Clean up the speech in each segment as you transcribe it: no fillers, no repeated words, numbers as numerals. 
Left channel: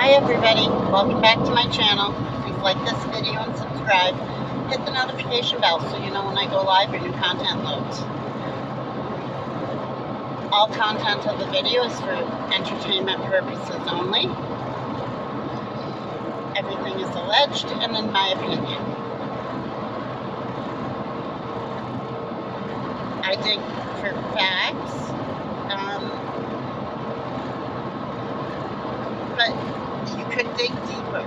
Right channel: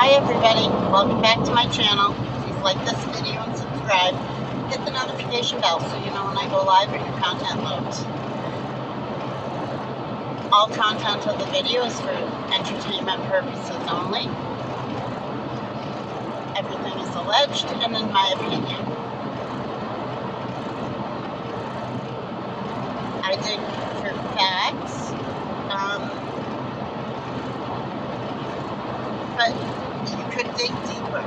Hi everybody, welcome back to my channel. Please like this video and subscribe. Hit the notification bell so you know when I go live or new content loads. All content of the video is for entertainment purposes only. Everything is alleged and in my opinion. I dig for facts. But you could dig deeper.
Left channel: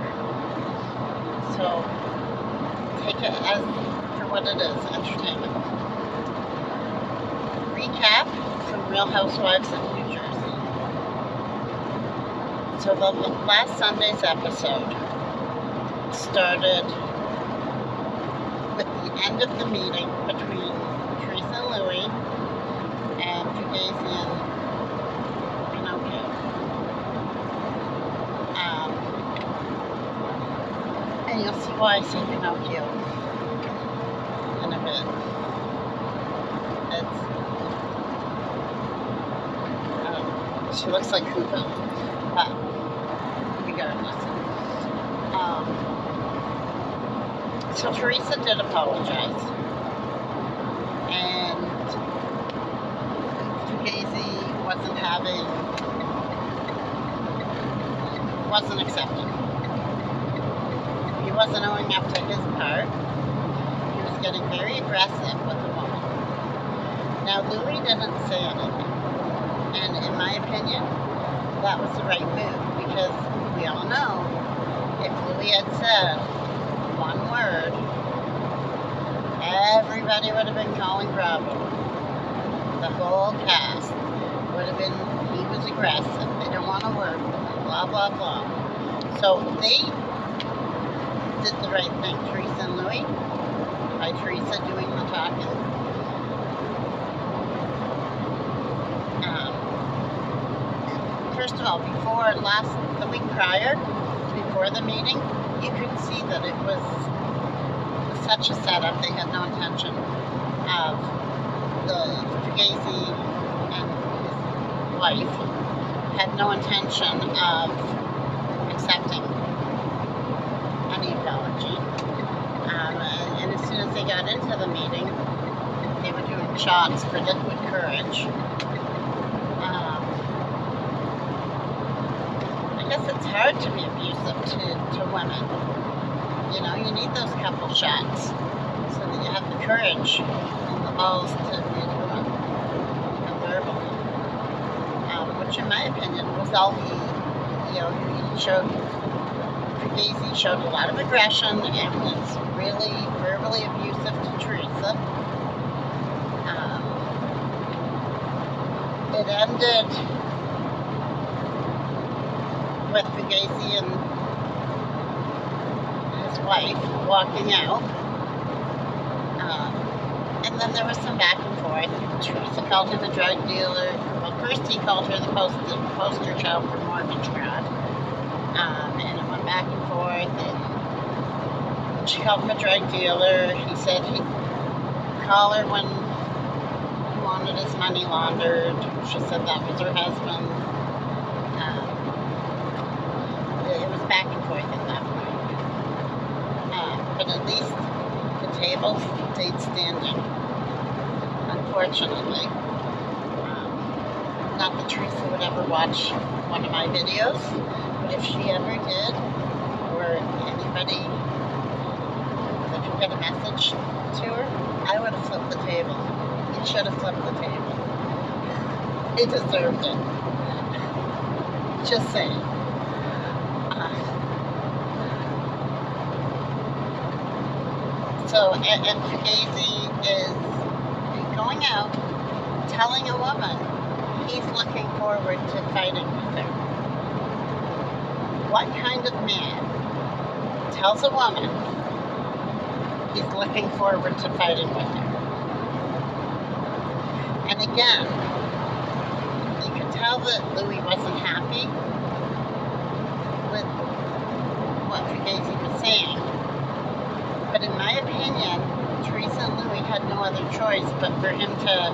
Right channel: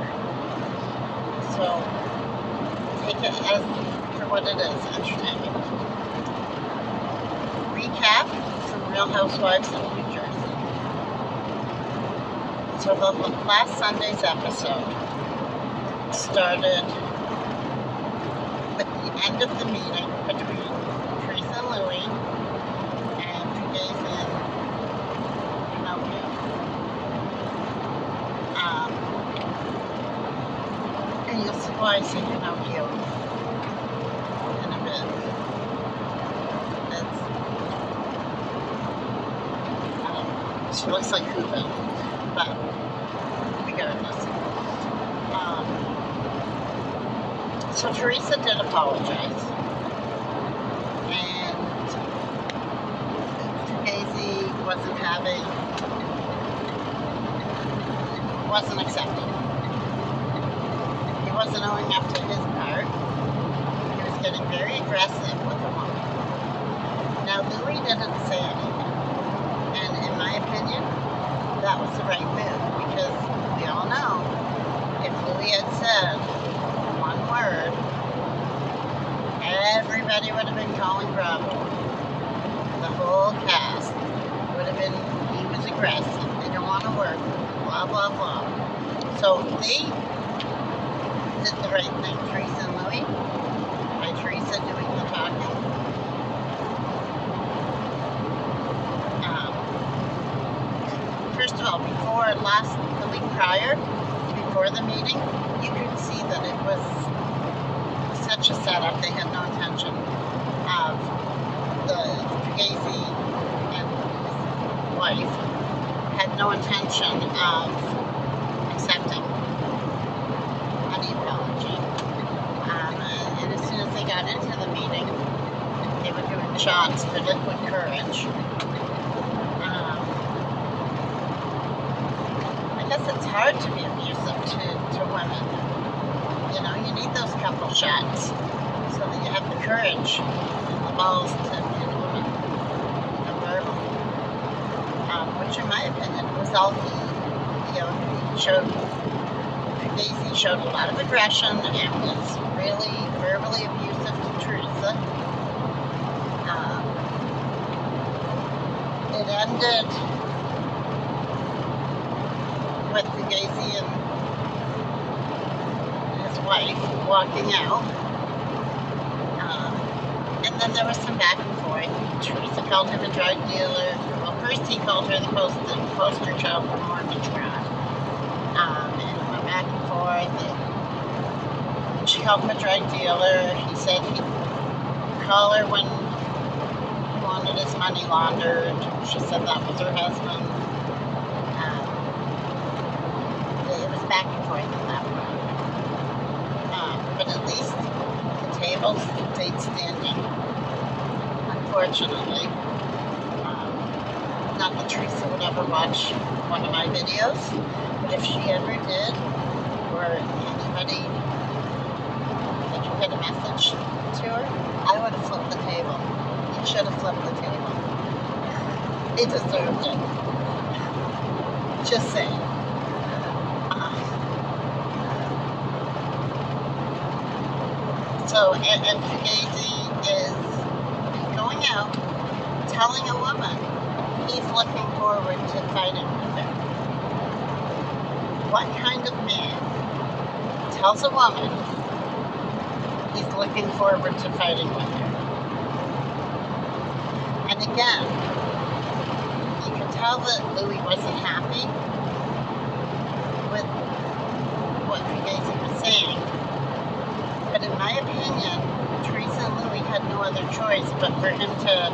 So take it as for what it is, entertainment. Recap from Real Housewives of New Jersey. So the last Sunday's episode started with the end of the meeting between Teresa and Louie and Fugazi and Pinocchio. And you'll see why I say Pinocchio in a bit. She looks like Hoopa, but regardless. So Teresa did apologize, and Fugazi wasn't accepting. He wasn't owning up to his part. He was getting very aggressive with the woman. Now, Louie didn't say anything. And in my opinion, that was the right move. Because we all know, if Louie had said one word, everybody would have been calling Bravo. The whole cast would have been, he was aggressive. They don't want to work with him, blah, blah, blah. So they did the right thing, Teresa and Louie, by Teresa doing the talking. First of all, the week prior, before the meeting, you could see that it was such a setup. They had no intention of the Fugazi and his wife had no intention of accepting any apology. And as soon as they got into the meeting, they were doing shots for liquid courage. I guess it's hard to be abusive to women. You know, you need those couple shots so that you have the courage and the balls to abuse women and verbally. Which in my opinion was all he showed. Fugazi showed a lot of aggression and was really verbally abusive to Teresa. It ended with Fugazi and his wife walking out. And then there was some back and forth. Teresa called him a drug dealer. Well, first he called her the poster child for mortgage fraud. And it went back and forth. And she called him a drug dealer. He said he'd call her when he wanted his money laundered. She said that was her husband. It was back and forth in that way. But at least the table stayed standing. Unfortunately. Not that Teresa would ever watch one of my videos, but if she ever did, or anybody that could get a message to her, I would have flipped the table. You should have flipped the table. He deserved it. Just saying. So, and Fugazi is going out, telling a woman he's looking forward to fighting with her. What kind of man tells a woman he's looking forward to fighting with her? And again, you can tell that Louie wasn't happy with what Fugazi was saying. But in my opinion, Teresa and Louie had no other choice but for him to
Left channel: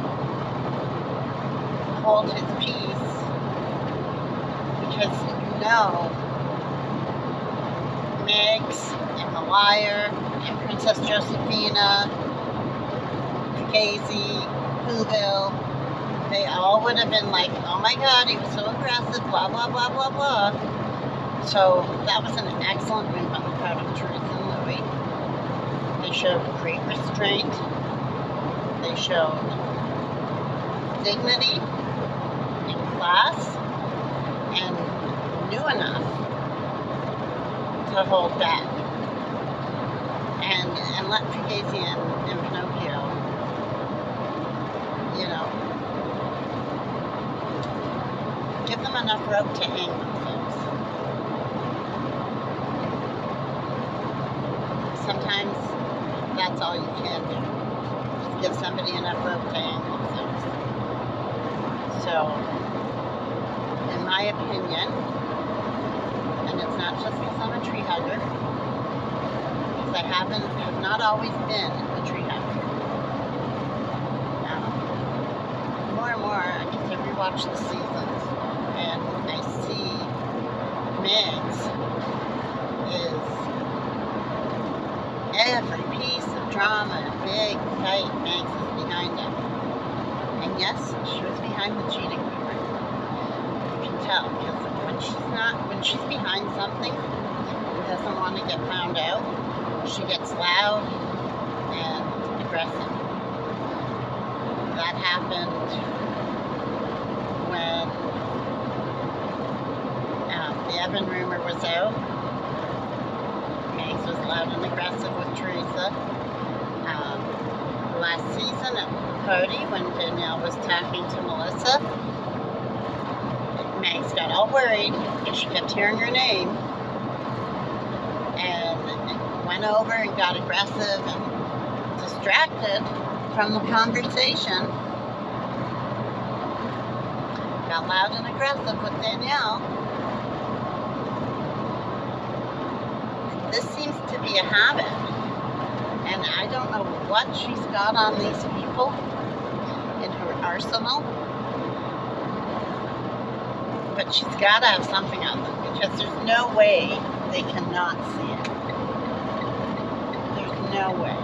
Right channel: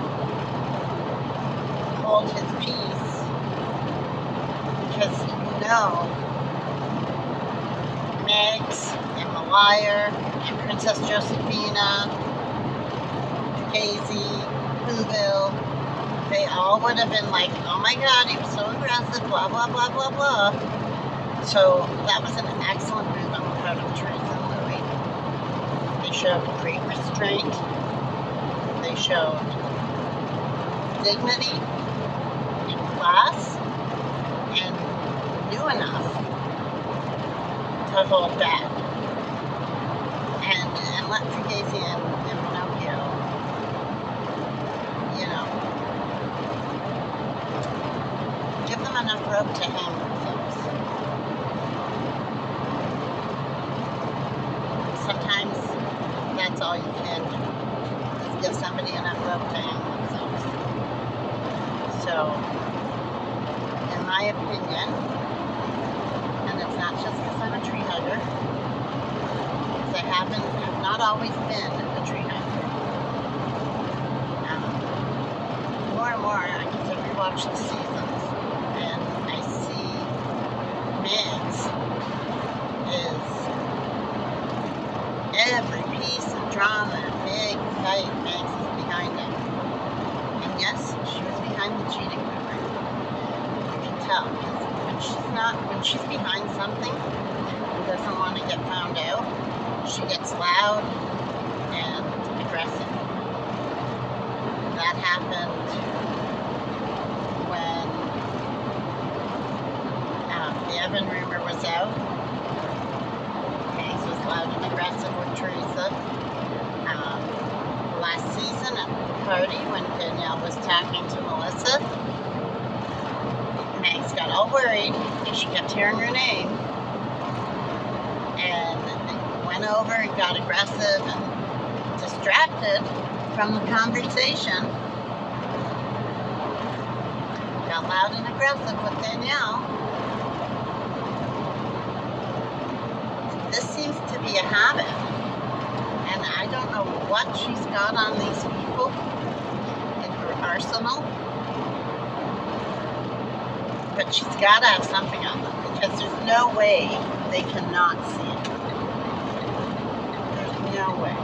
hold his peace, because Liar, and Princess Josephina, Casey, Whoville, they all would have been like, oh my God, he was so aggressive, blah, blah, blah, blah, blah. So that was an excellent move on the part of Teresa and Louis. They showed great restraint. They showed dignity and class and knew enough to hold back. And let Fugazi and Pinocchio, you know, give them enough rope to hang themselves. Sometimes that's all you can do, is give somebody enough rope to hang themselves. So, in my opinion, and it's not just because I'm a tree hugger, because I have not always been a tree hugger. More and more, because I rewatch the seasons, and I see Megs is every piece of drama and big fight Megs is behind it. And yes, she was behind the cheating rumor. You can tell, because when she's behind something and doesn't want to get found out, she gets loud and aggressive. That happened when the Evan rumor was out. Megs was loud and aggressive with Teresa. Last season at the party when Danielle was talking to Melissa, Megs got all worried because she kept hearing her name and went over and got aggressive and distracted from the conversation. Got loud and aggressive with Danielle. This seems to be a habit. And I don't know what she's got on these people in her arsenal. But she's got to have something on them, because there's no way they cannot see it. There's no way.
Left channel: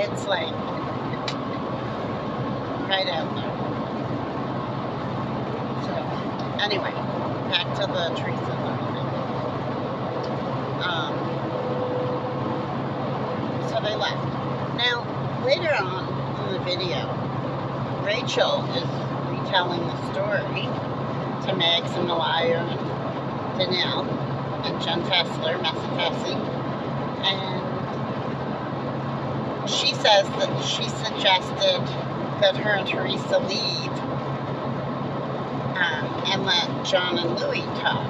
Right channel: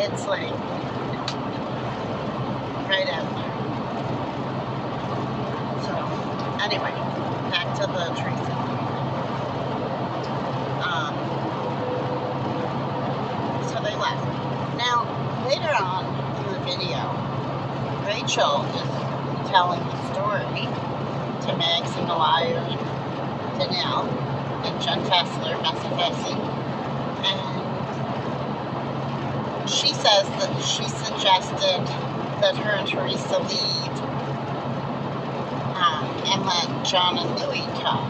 It's like right out there. So, anyway, back to the Teresa thing. So they left. Now, later on in the video, Rachel is retelling the story to Megs and the Liar and Danielle and Jen Fessler, Messy Fessy, and she says that she suggested that her and Teresa leave and let John and Louis talk,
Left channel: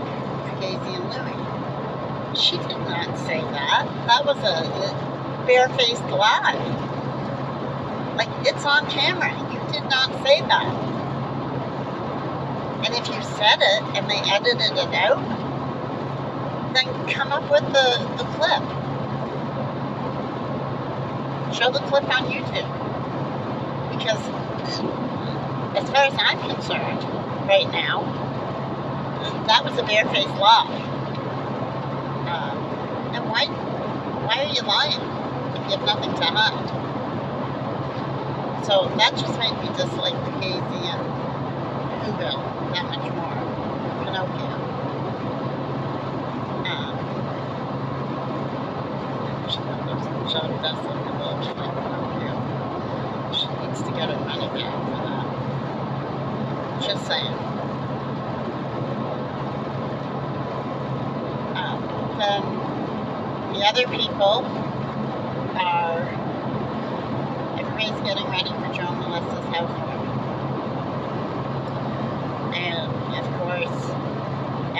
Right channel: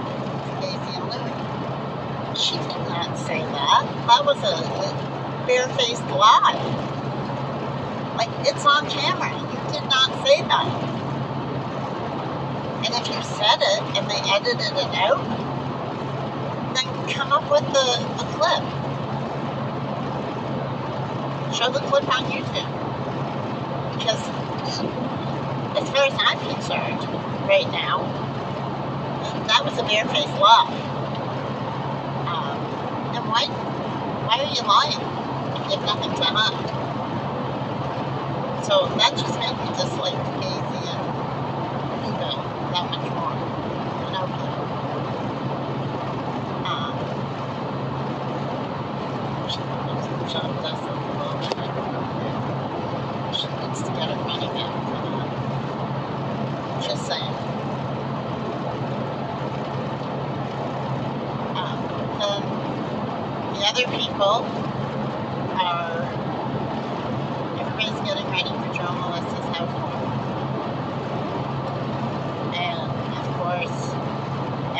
Fugazi and Louis. She did not say that. That was a barefaced lie. Like, it's on camera. You did not say that. And if you said it and they edited it out, then come up with the clip. Show the clip on YouTube. Because as far as I'm concerned, right now, that was a barefaced lie. And why are you lying if you have nothing to hide? So that just made me dislike Fugazi and Whoville that much more. Pinocchio. Shut up, that's like a little bit like Pinocchio. She needs to get her money back for that. Just saying. Then the other people are, everybody's getting ready for Joe and Melissa's housewarming. And of course,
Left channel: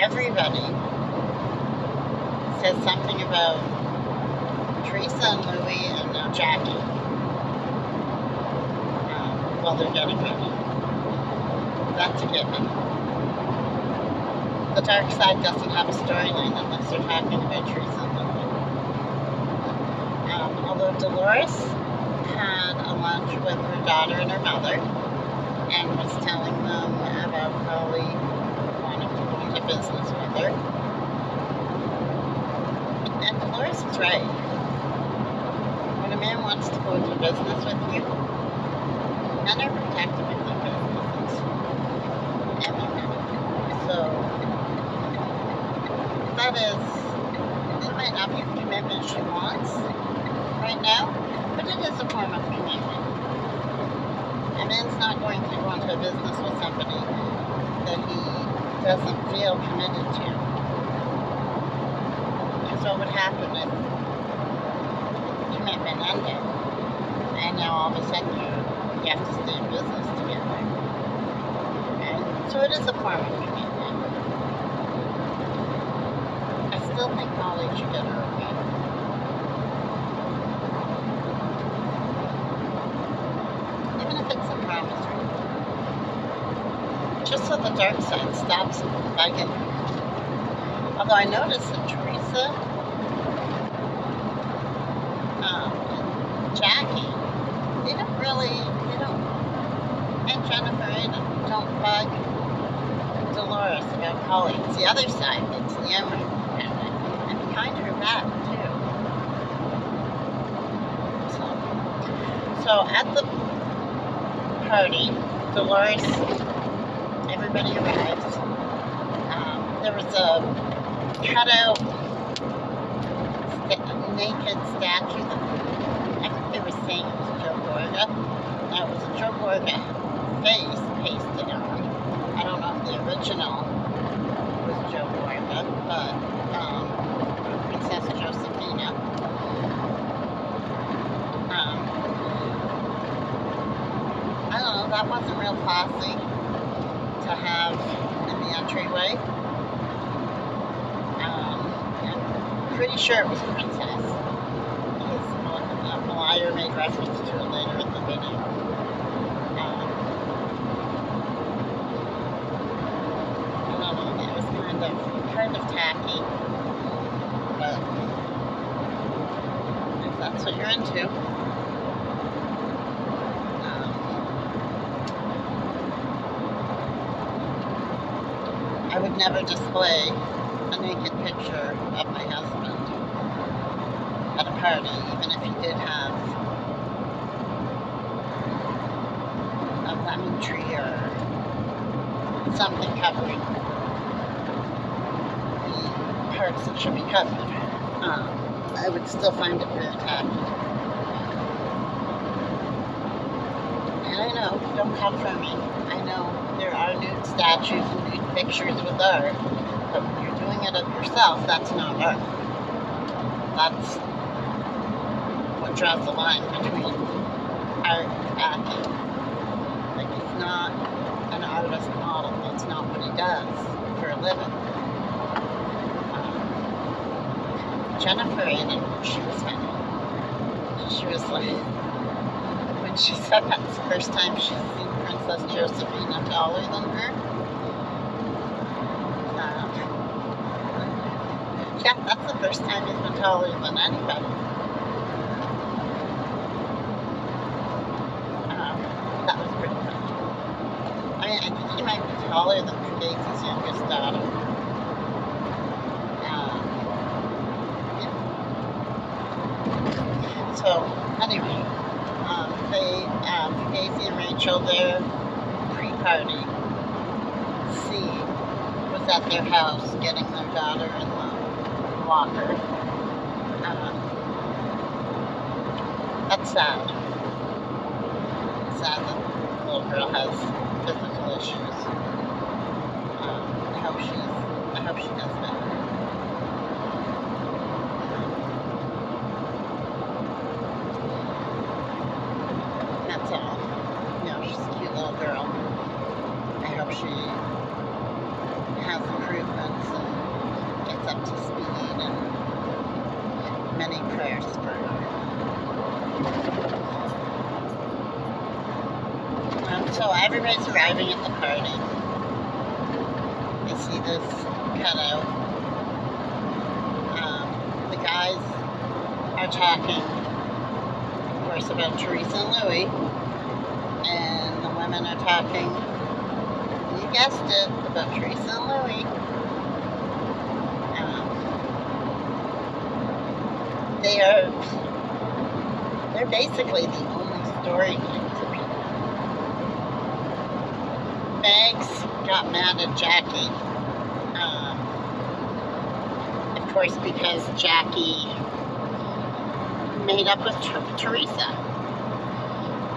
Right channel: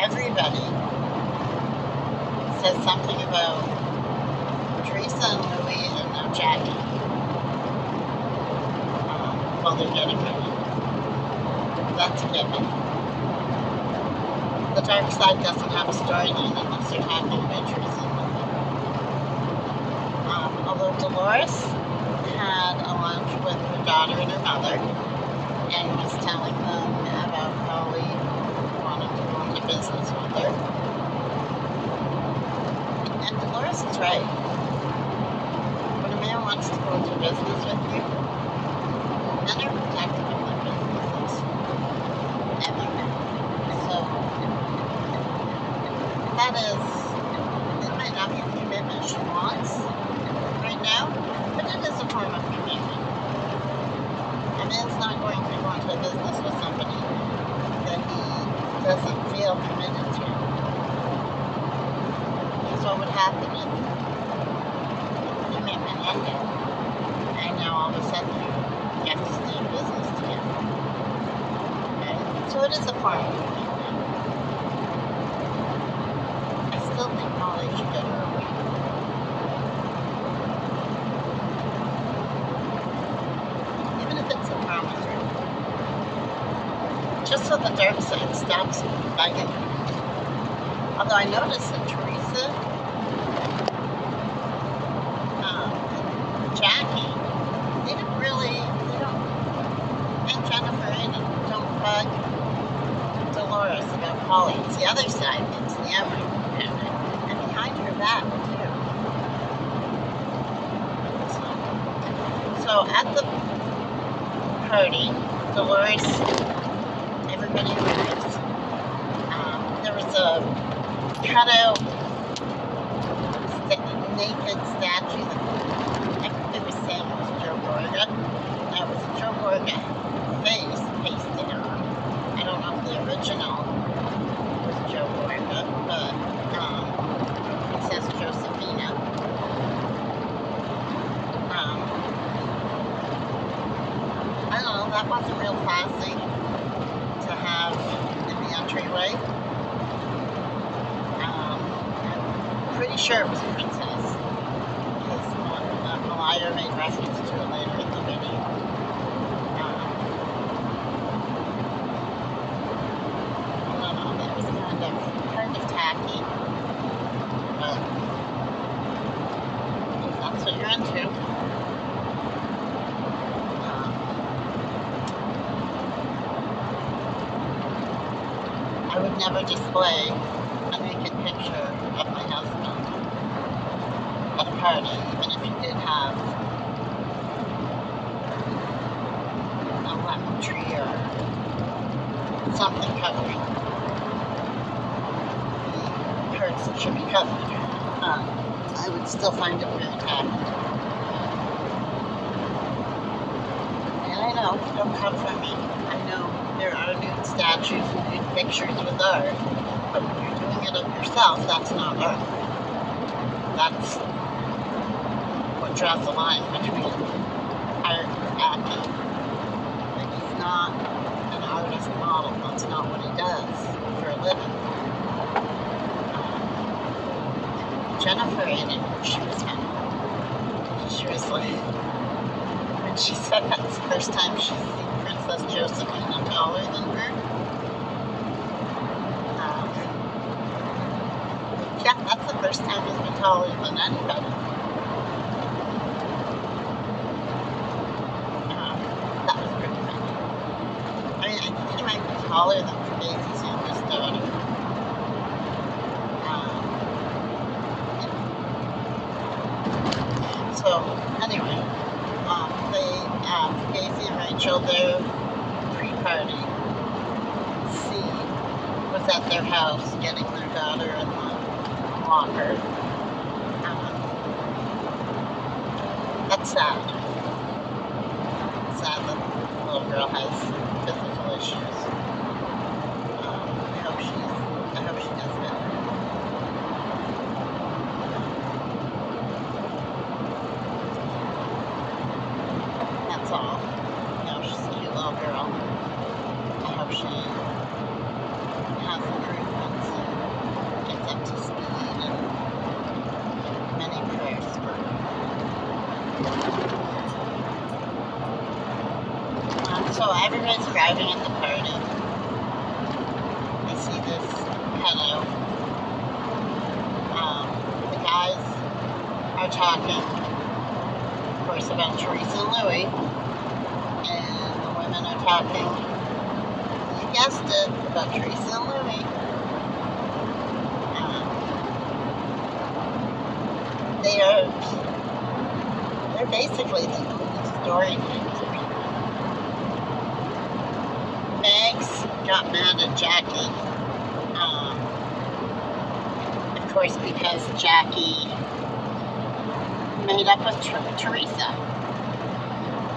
everybody says something about Teresa and Louis and now Jackie while they're getting ready. That's a given. The dark side doesn't have a storyline unless they're talking about Teresa and Louis. Although Dolores had a lunch with her daughter and her mother and was telling them about Polly wanting to go into business with her. And Dolores is right. that is, it might not be the commitment she wants right now, but it is a form of commitment. A man's not going to go into a business with somebody that he doesn't feel committed to. Because what would happen if the commitment ended and now all of a sudden you have to stay in business together? Right? So it is a form of commitment. I still think Molly should get her away. Even if it's a promissory. Just so the dark side stops begging her. Although I noticed that Teresa and Jackie, and Jennifer don't bug Dolores about Polly. It's the other side that's yammering at her. And behind her back, too. So at the party, Dolores, everybody arrives. There was a cutout naked statue that I think they were saying it was Joe Gorga. Now it was a Joe Gorga face pasted on. I don't know if the original was Joe Gorga, but Princess Josephina. I don't know, that wasn't real classy to have in the entryway. I'm pretty sure it was Princess, because Malaya made reference to it later in the video. I don't know, that was kind of tacky, but if that's what you're into. I would never display a naked picture of my husband at a party, even if he did have a lemon tree or something covering the parts that should be covered. I would still find it very tacky. And I know, don't come for me. I know there are nude statues and nude pictures with art, but when you're doing it of yourself, that's not art. That's what draws the line between art and acting. Like, he's not an artist model. That's not what he does for a living. Jennifer Aiden, she was like, when she said that's the first time she's seen Princess Josephina taller than her. Yeah, that's the first time he's been taller than anybody. That was pretty funny. I mean, I think he might be taller than Daisy's youngest daughter. Yeah. So, anyway, Casey and Rachel, their pre-party scene was at their house getting their daughter in the walker. That's sad. Sad that the little girl has physical issues. I hope she does better. That's all. She's a cute little girl. I hope she has improvements and gets up to speed, and many prayers for her. So everybody's arriving at the party. I see this cutout. The guys are talking, of course, about Teresa and Louie, and the women are talking, you guessed it, about Teresa and Louie. They're basically the only story to people. Megs got mad at Jackie course, because Jackie made up with Teresa.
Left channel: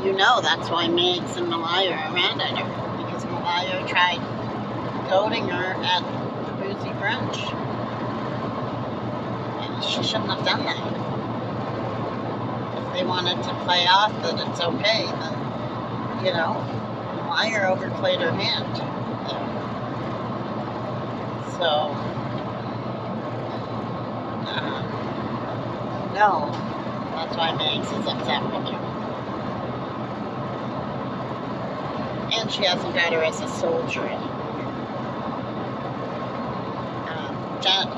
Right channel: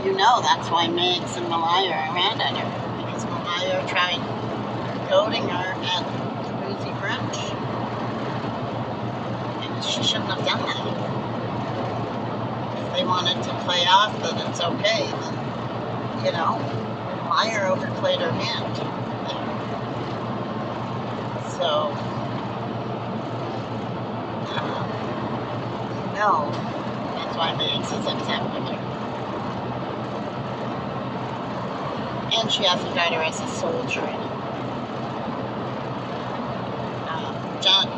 You know that's why Megs and Malaya are mad at her, because Malaya tried goading her at the boozy brunch. And she shouldn't have done that. If they wanted to play off that it's okay, then, Malaya overplayed her hand. So, no, that's why Megs is upset with her. And she hasn't got her as a soldier anymore.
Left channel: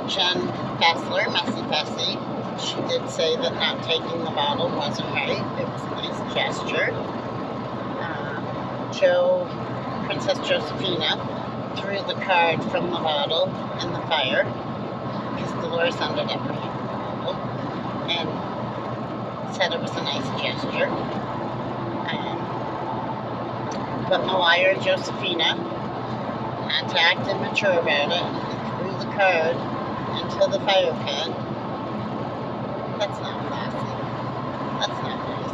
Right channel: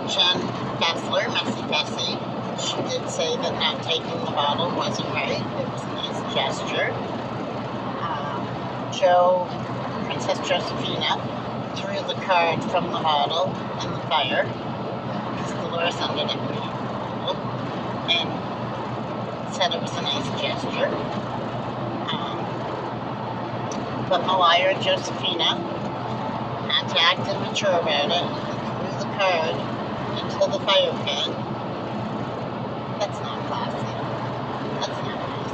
Jen Kessler, Messy Bessie, she did say that not taking the bottle wasn't right. It was a nice gesture. Princess Josephina, threw the card from the bottle in the fire because Dolores ended up bringing the bottle and said it was a nice gesture. But Malaya and Josephina had to act immature about it and threw the card into the fire pit. That's not classy. That's not nice.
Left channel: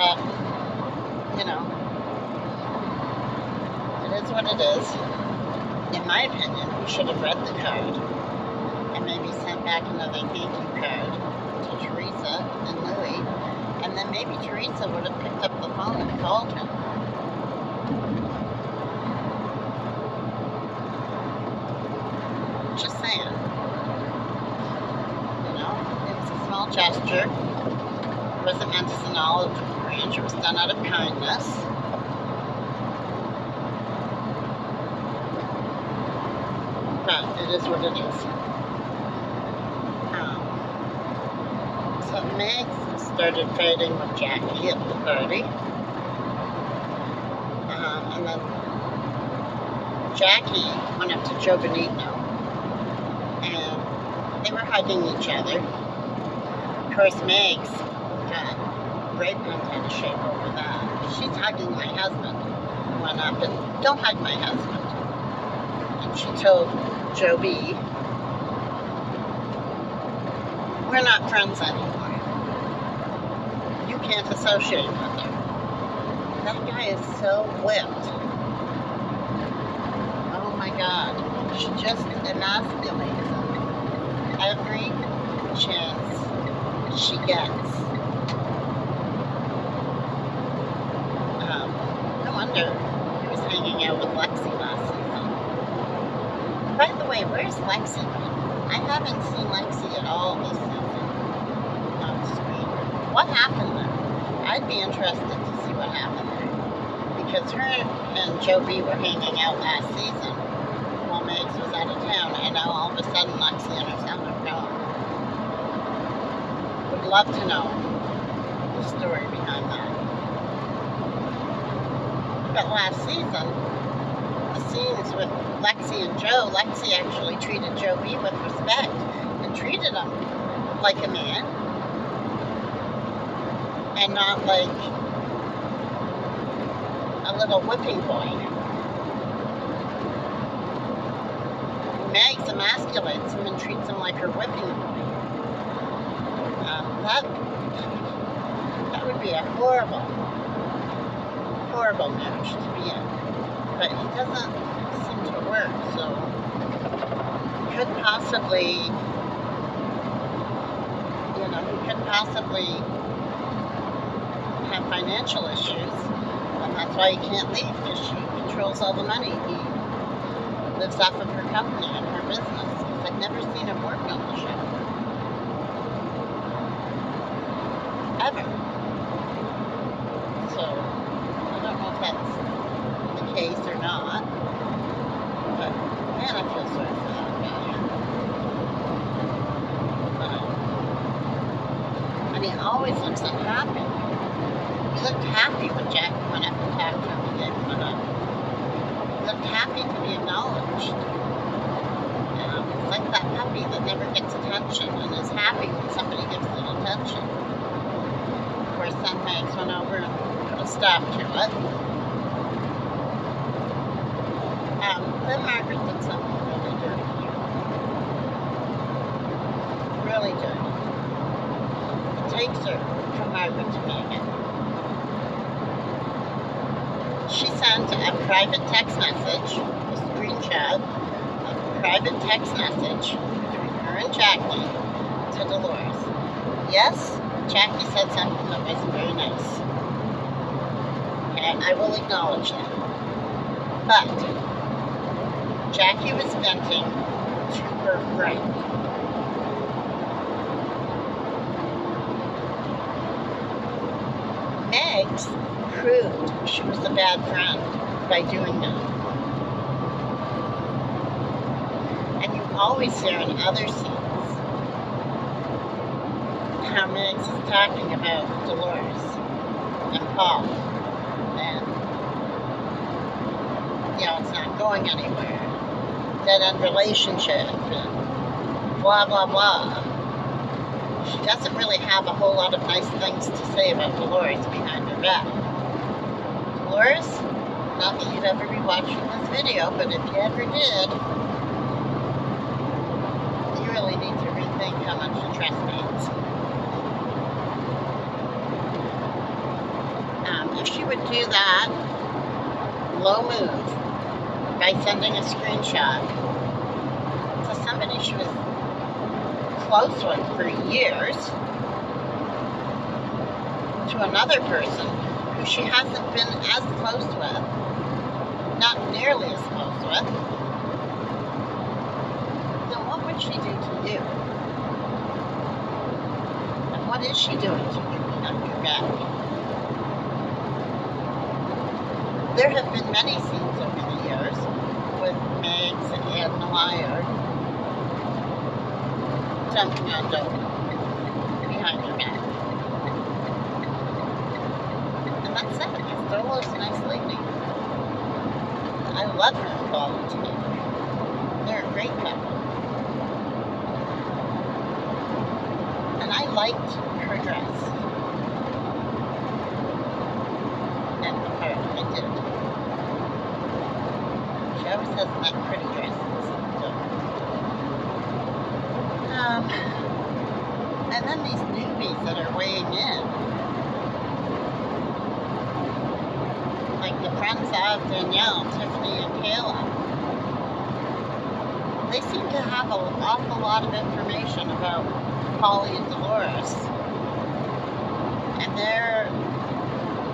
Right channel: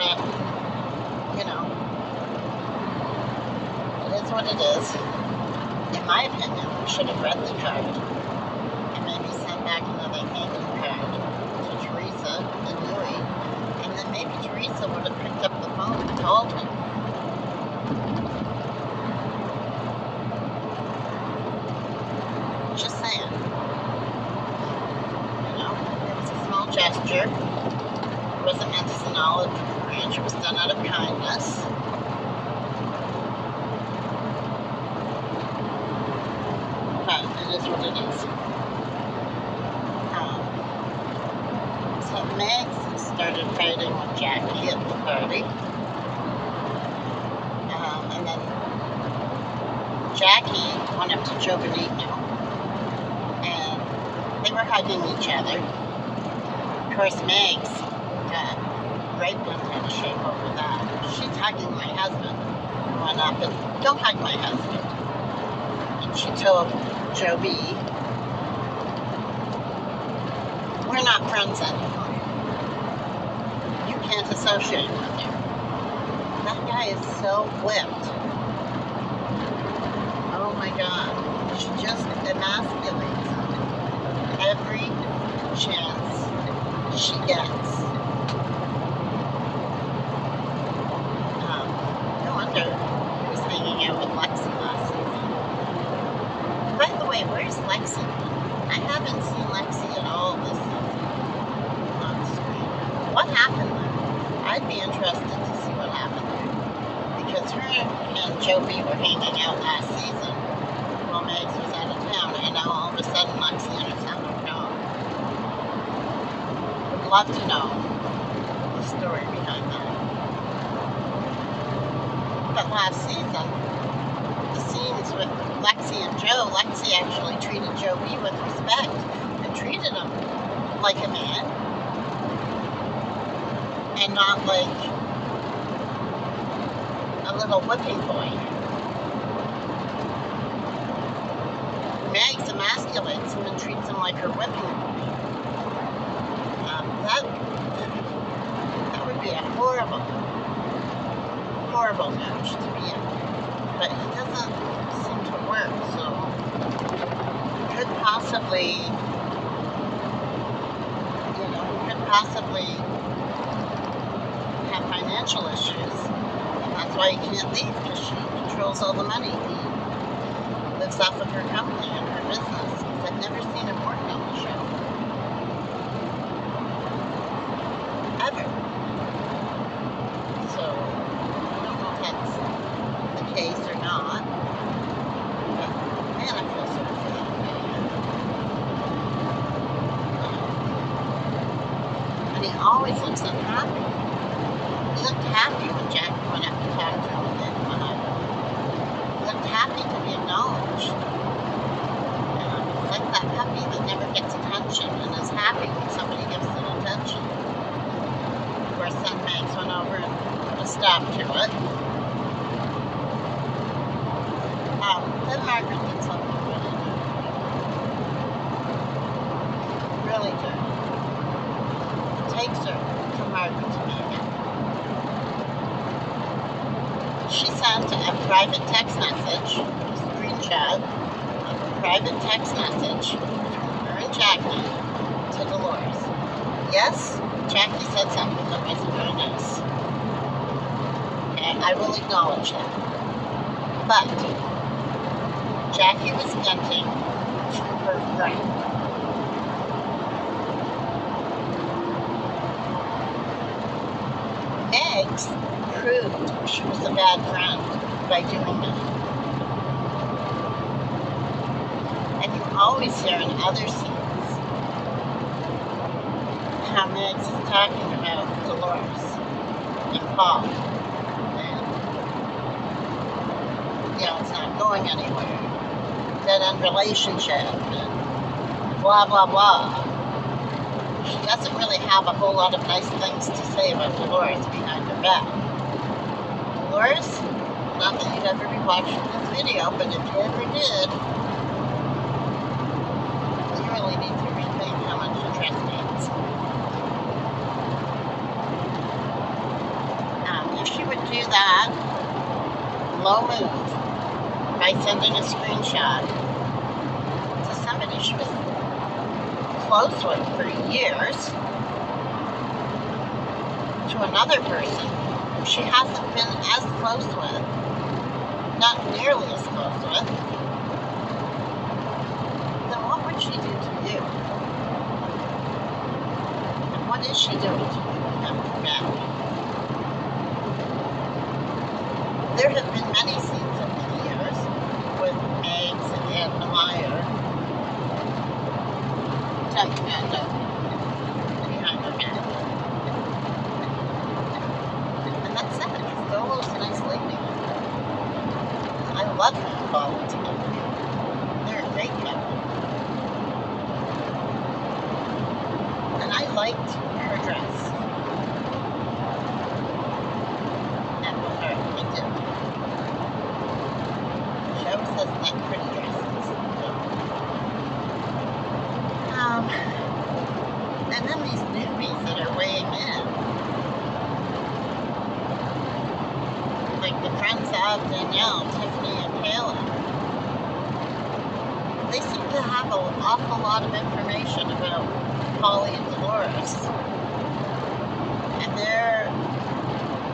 But, it is what it is. In my opinion, we should have read the card and maybe sent back another thank you card to Teresa and Louie, and then maybe Teresa would have picked up the phone and called him. Just saying. It was a small gesture. It wasn't meant as an olive branch. It was done out of kindness. But it is what it is. So Megs started fighting with Jackie at the party. And then Jackie went up to Joe Benigno. And they were hugging each other. Of course, Megs got great bent out of shape over that. She's hugging my husband. Went up and, don't hug my husband. And she told Joe B, we're not friends anymore. You can't associate with her. That guy is so whipped. Oh my God. She just emasculates him every chance she gets. No wonder he was hanging out with Lexi last season. By the way, where's Lexi? I haven't seen Lexi at all this season on screen. What happened there? I'd be interested to see what happened there. Because her and Joe B were hanging out last season while Megs was out of town, and now all of a sudden Lexi and her son are gone. Would love to know the story behind that. But last season, the scenes with Lexi and Joe, Lexi actually treated Joe B with respect and treated him like a man and not like a little whipping boy. Megs emasculates him and treats him like her whipping boy. That would be a horrible match to be in. But he doesn't seem to work, so he could possibly, have financial issues, and that's why he can't leave, because she controls all the money. He lives off of her company and her business, because I've never seen him work on the show. Ever. So, I don't know if that's the case or not, but man, I feel sorry for that guy. And he always looks unhappy. He looked happy when Jackie went up to talk to him and gave him a hug. He looked happy to be acknowledged. He's like that puppy that never gets attention and is happy when somebody gives it attention. Of course, then Megs went over and put a stop to it. Then Margaret did something really dirty. Really dirty. It takes her from Margaret to Megan. She sent a private text message, a screenshot of a private text message between her and Jackie to Dolores. Yes, Jackie said something that wasn't very nice. Okay, I will acknowledge that. But Jackie was venting to her friend. Meg's proved she was a bad friend by doing that. And you always hear in other scenes how Megs is talking about Dolores and Paul. And, it's not going anywhere. Dead-end relationship and blah, blah, blah. She doesn't really have a whole lot of nice things to say about Dolores behind her back. Dolores, not that you'd ever be watching this video, but if you ever did, you really need to rethink how much you trust mates. If she would do that low move by sending a screenshot to somebody she was close with for years, to another person who she hasn't been as close with, not nearly as close with, then what would she do to you? And what is she doing to you behind your back? There have been many scenes over the years with Megs and Meyer jumping on Dodie behind her back. And that's sad, because Dolo's a nice lady. I love her and Paul together. They're a great couple. And I liked her dress. And her, I did. She always has that pretty dresses. And then these newbies that are weighing in. Like the friends of Danielle, Tiffany, and Kayla. They seem to have an awful lot of information about Polly and Dolores. And they're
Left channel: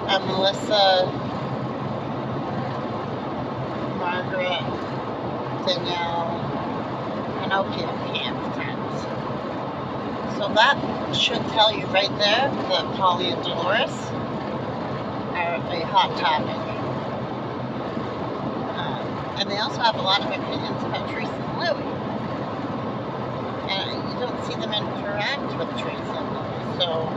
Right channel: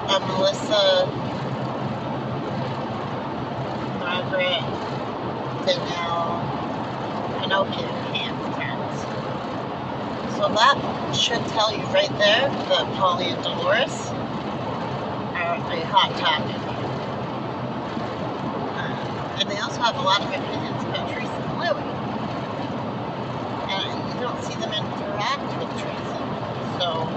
a Melissa, Margaret, Danielle, Pinocchio camp friends. So that should tell you right there that Polly and Dolores are a hot topic. And they also have a lot of opinions about Teresa and Louie. And you don't see them interact with Teresa and Louie. So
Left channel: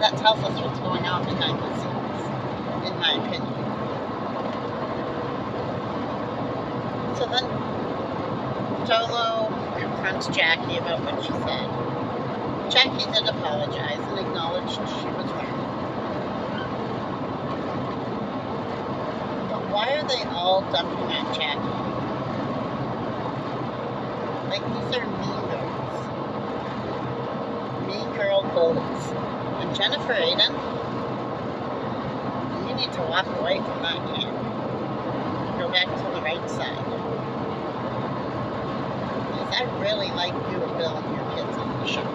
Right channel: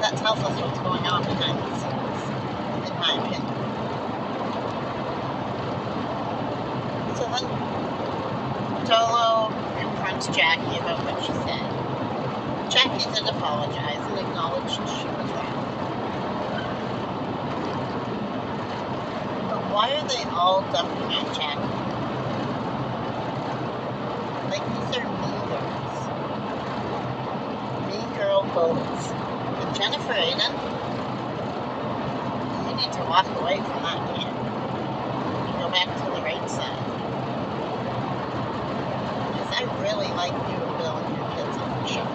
that tells us what's going on behind the scenes, in my opinion. So then Dolo confronts Jackie about what she said. Jackie did apologize and acknowledged she was wrong. But why are they all dumping on Jackie? Like, these are mean girls. Mean girl bullies. And Jennifer Aiden, you need to walk away from that camp. Go back to the right side. I really like you and Bill and your kids on the show.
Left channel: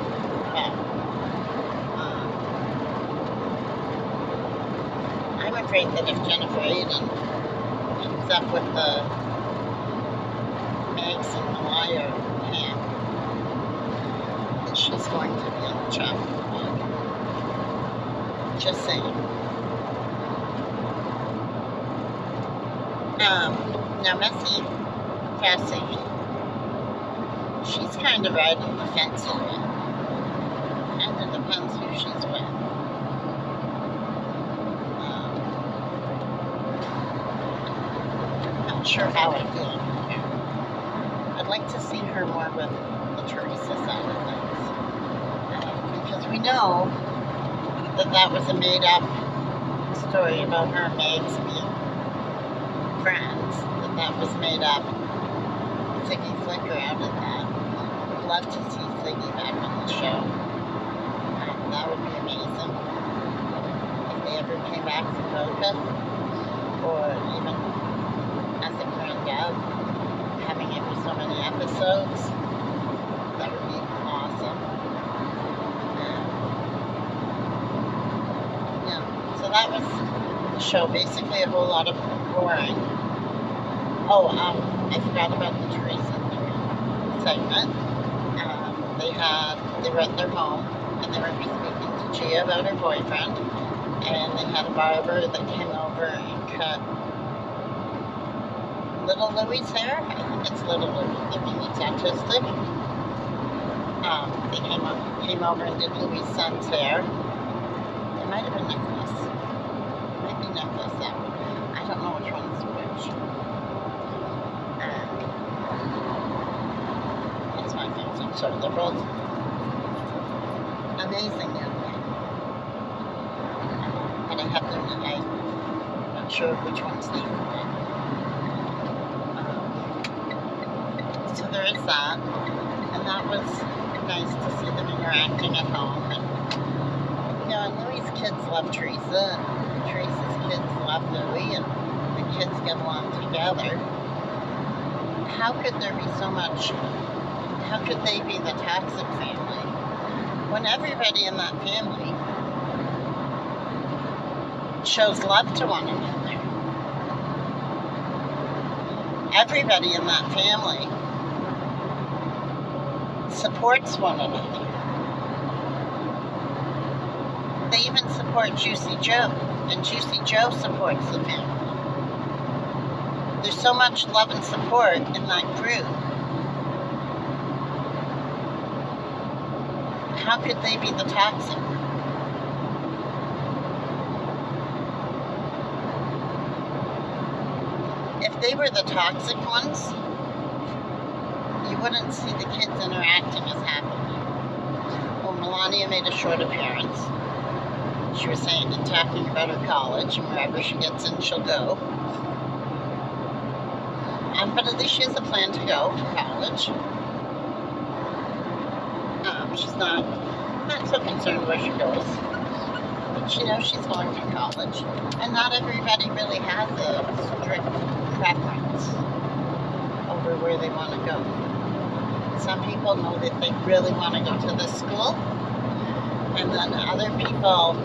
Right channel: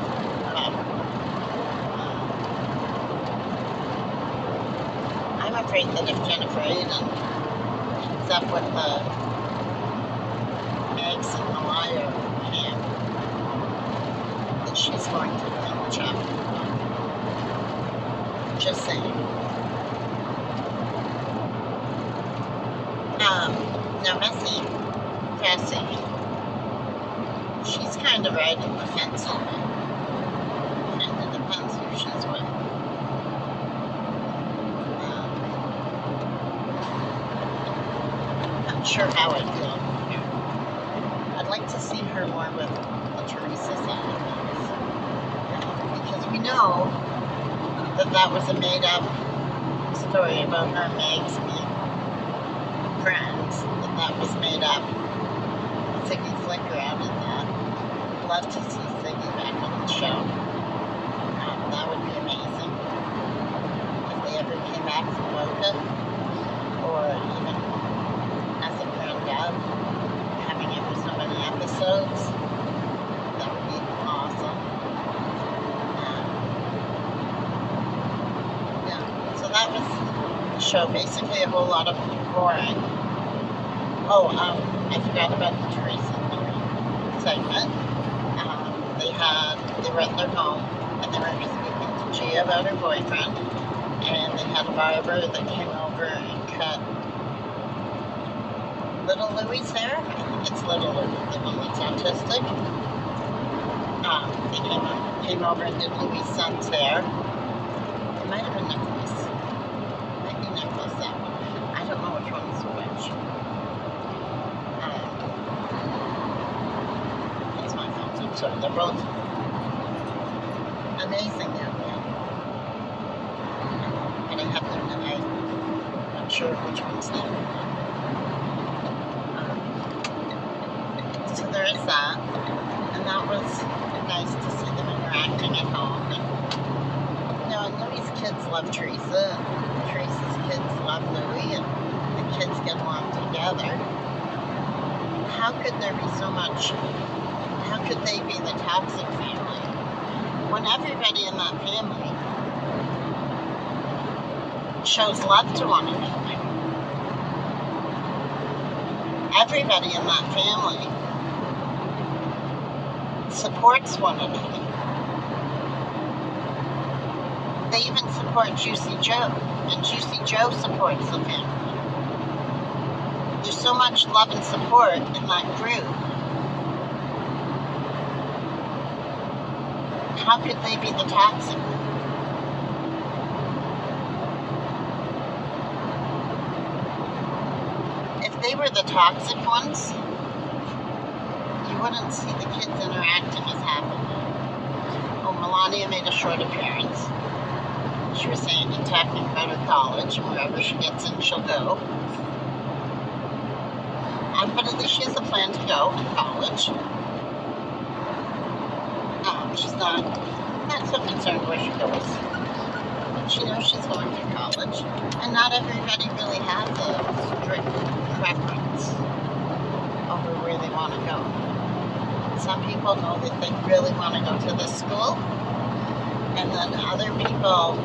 I'm afraid that if Jennifer Aiden keeps up with the Megs and Meyer camp, that she's going to be on the chopping block. Just saying. Now Cassie, she's kind of riding the fence on it. And it depends who she's with. Not sure how I feel about her. I'd like to see her more with the Teresa side of things. Because we know that that was a made-up story about her and Meg's being friends, that was made up. Ziggy Flicker out of that. I'd love to see Ziggy back on the show. That would be amazing. If they ever came back from Boca, or even as a friend of, having it for so many episodes, that would be awesome. Yeah, so that was the show. Basically a whole lot of boring. Oh, I forgot about the Teresa segment. They were at their home, and they were speaking to Gia about her boyfriend, and they had a barber that came over and cut Little Louie's hair. I think it's Little Louie, the one that's autistic. They came over and did Louie's son's hair. It might have been Nicholas. Maybe Nicholas. I don't know which one is which. It's my phone, so I'm sorry. They're both amazing young men. And I have them, and I'm not sure which one's the other one. So there is that. And that was nice to see them interacting at home. And, and Louie's kids love Teresa, and Teresa's kids love Louie, and the kids get along together. How could there be so much? How could they be the toxic family when everybody in that family shows love to one another? Everybody in that family supports one another. They even support Juicy Joe, and Juicy Joe supports the family. There's so much love and support in that group. How could they be the toxic? If they were the toxic ones, you wouldn't see the kids interacting as happily. Oh, Melania made a short appearance. She was saying and talking about her college, and wherever she gets in, she'll go. But at least she has a plan to go to college. She's not so concerned where she goes. But she knows she's going to college. And not everybody really has a strict preference over where they want to go. Some people know that they really want to go to this school. And then other people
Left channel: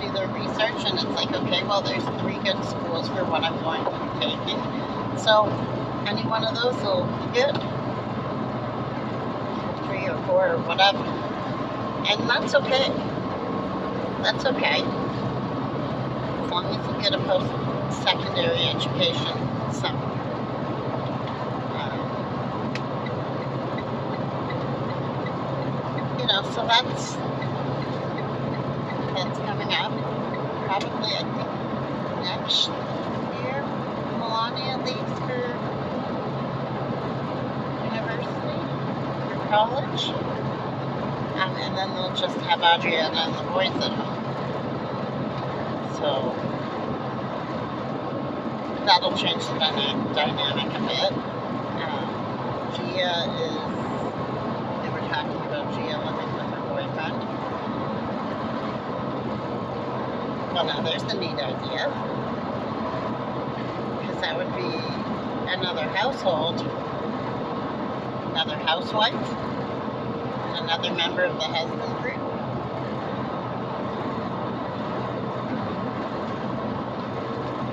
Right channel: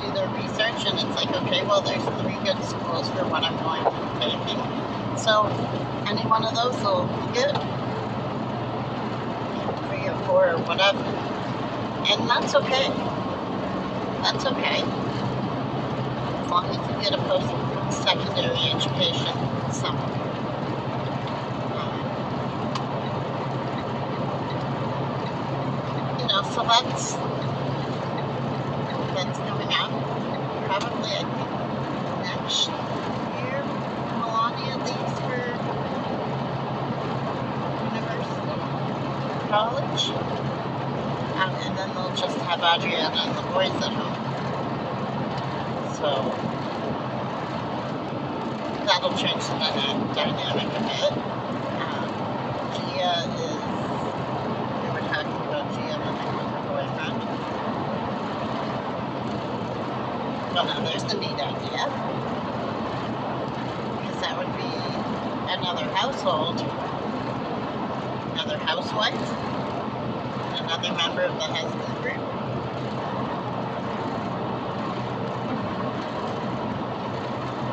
do their research, and it's like, okay, well, there's 3 good schools for what I'm going to be taking. So any one of those will be good. 3 or 4 or whatever. And that's okay. That's okay. As long as you get a post-secondary education somewhere. So that's coming up. Probably, I think, next year, Melania leaves for university or college. And then they'll just have Adriana and the boys at home. So that'll change the dynamic a bit. Gia is, they were talking about Gia living with her boyfriend. Well, now there's the neat idea. Because that would be another household, another housewife, and another member of the husband group.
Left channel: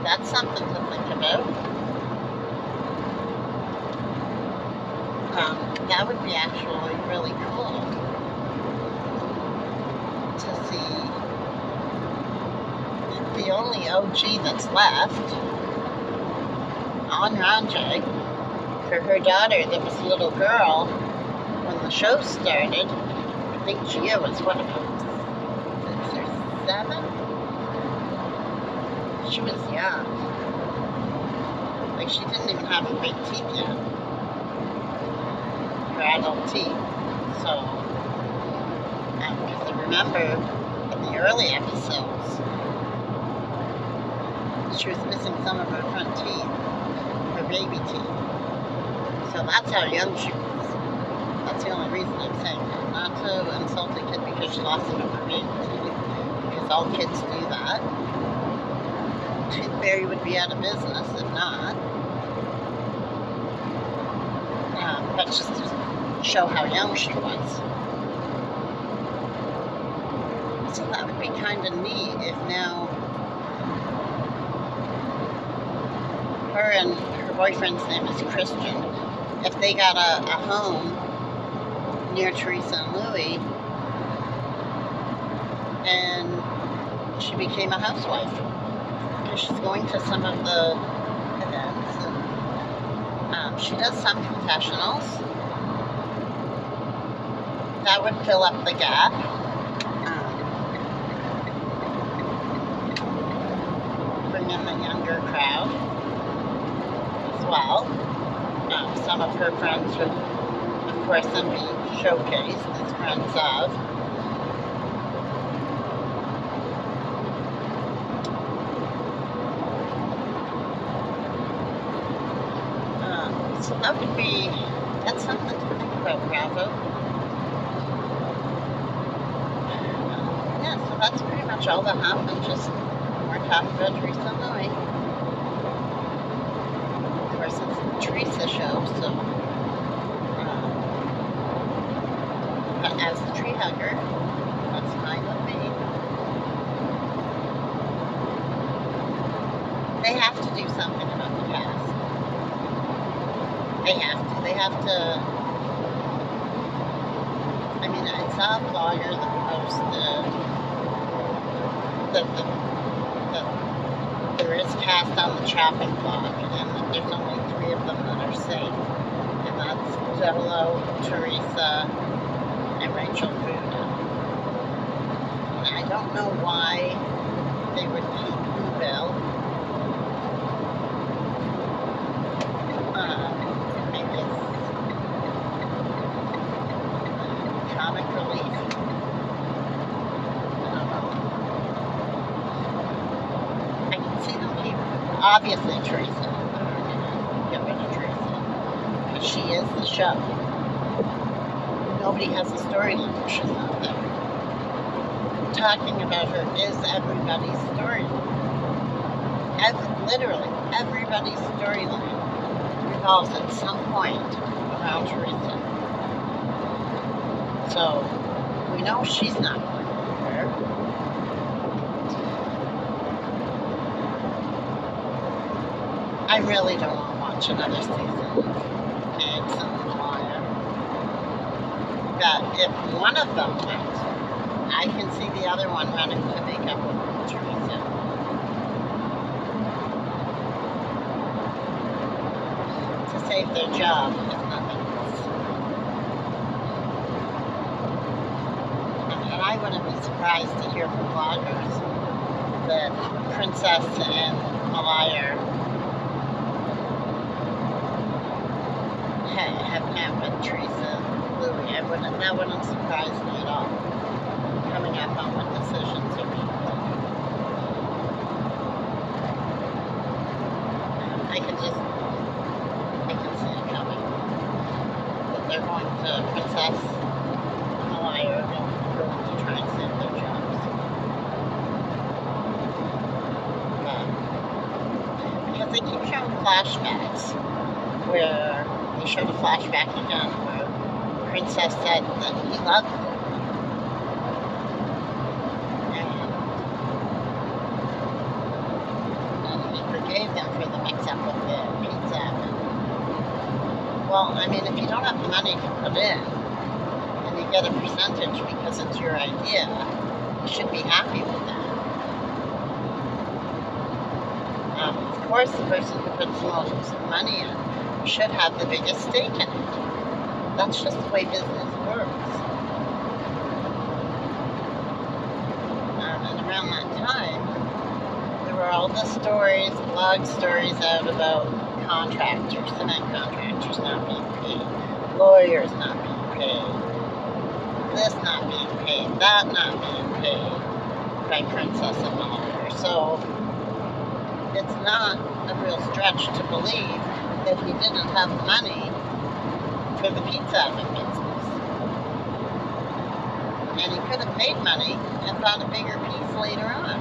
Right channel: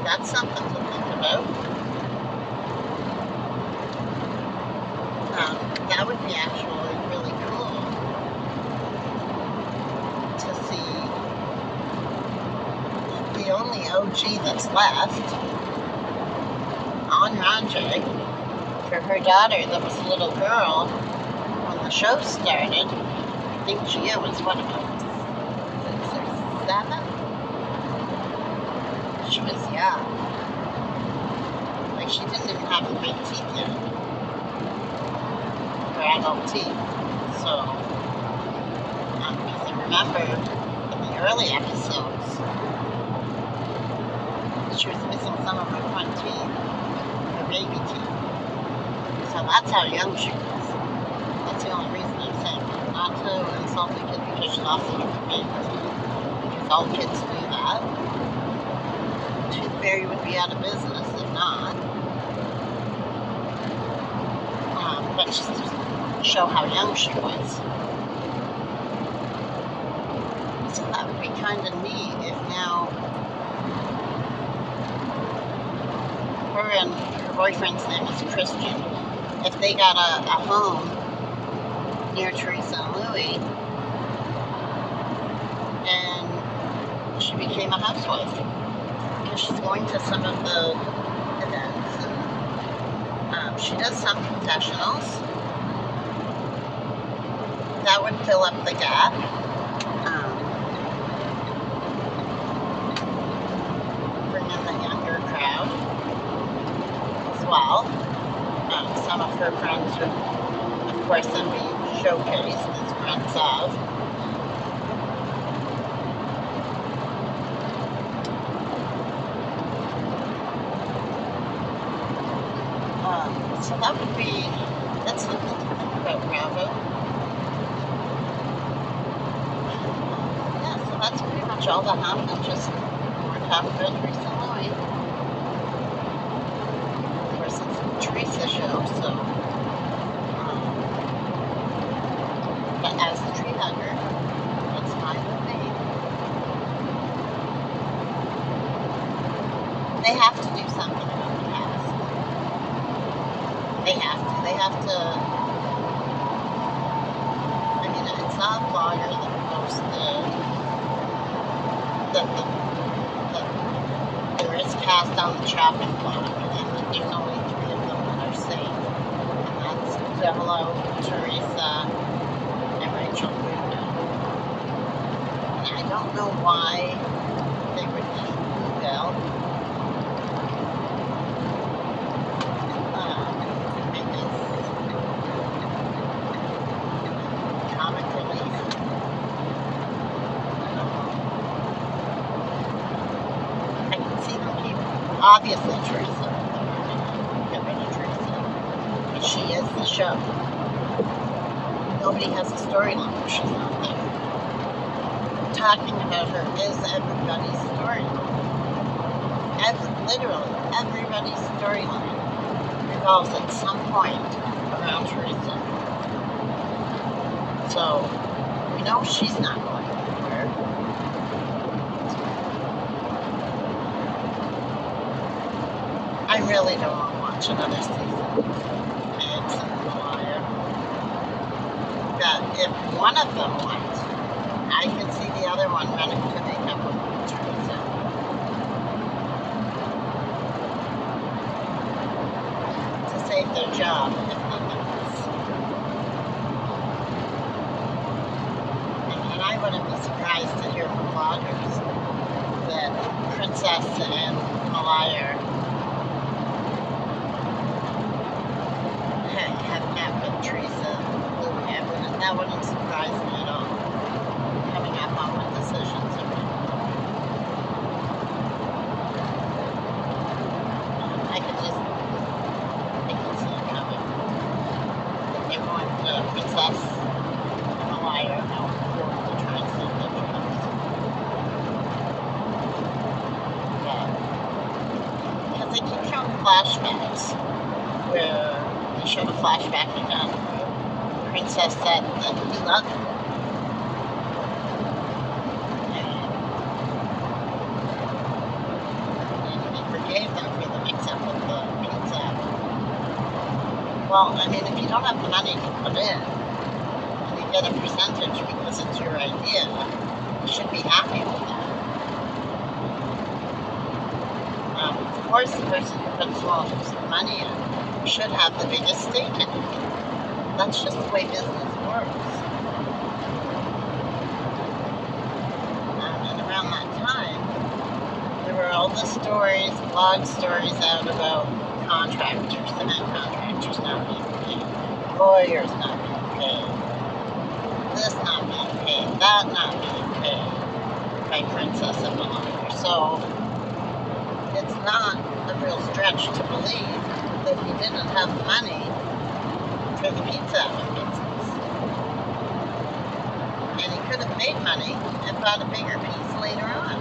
That's something to think about. That would be actually really cool to see. The only OG that's left on Ranjay for her daughter that was a little girl when the show started. I think Gia was, what, about 6 or 7? She was young. Like, she didn't even have her big teeth yet. Her adult teeth. So, because I remember in the early episodes, She was missing some of her front teeth, her baby teeth. So that's how young she was. That's the only reason I'm saying that. Not to insult the kid because she lost some of her baby teeth, because all kids do that. Tooth Fairy would be out of business if not. But just to show how young she was. So that would be kind of neat if now her and her boyfriend's name is Christian. If they got a home near Teresa and Louie, and she became a housewife, because she's going to some of the events, and she does some confessionals. That would fill up the gap. Bring in the younger crowd as well. Some of her friends would, of course, then be showcased as friends of. So that would be, that's something to think about, Bravo. Yeah, so that's pretty much all that happened. Just we're talking about Teresa and Louie. Of course, it's a Teresa show, so. But as the tree hugger, that's fine with me. They have to do something about the past. They have to. They have to. I mean, I saw a blogger that posted that there is cast on the chopping block, and that there's only 3 of them that are safe. And that's Jello, Teresa, and Rachel Buda. And I don't know why they would keep Bill. Maybe it's comic relief. I don't know. I can see them keep, obviously, Teresa. Get rid of Teresa. But she is the show. Nobody has a storyline if she's not there. Talking about her is everybody's storyline. Literally, everybody's storyline revolves at some point around Teresa. So, we know she's not going anywhere. I really don't want to watch another season of Meg's and Malaya. That if one of them went, I can see the other one running to make up with Teresa. To save their job, if nothing else. And I wouldn't be surprised to hear from bloggers that Princess and Malaya have met with Teresa and Louie. That wouldn't surprise me at all. Coming up on what decisions are being made. I can see it coming. That they're going to, Princess and Malaya are going to try and save their jobs. Yeah. Because they keep showing flashbacks where they showed a flashback again where Princess said that he loved her. And he forgave them for the mix-up with the pizza. Well, I mean, if you don't have the money to put in, and you get a percentage because it's your idea, you should be happy with that. Of course, the person who puts the most money in should have the biggest stake in it. That's just the way business works. And around that time, there were all the stories, blog stories out about contractors, cement contractors not being paid, lawyers not being paid, this not being paid, that not being paid by Princess and Malaya. So, it's not a real stretch to believe that he didn't have the money for the pizza oven business. And he could have made money and bought a bigger piece later on.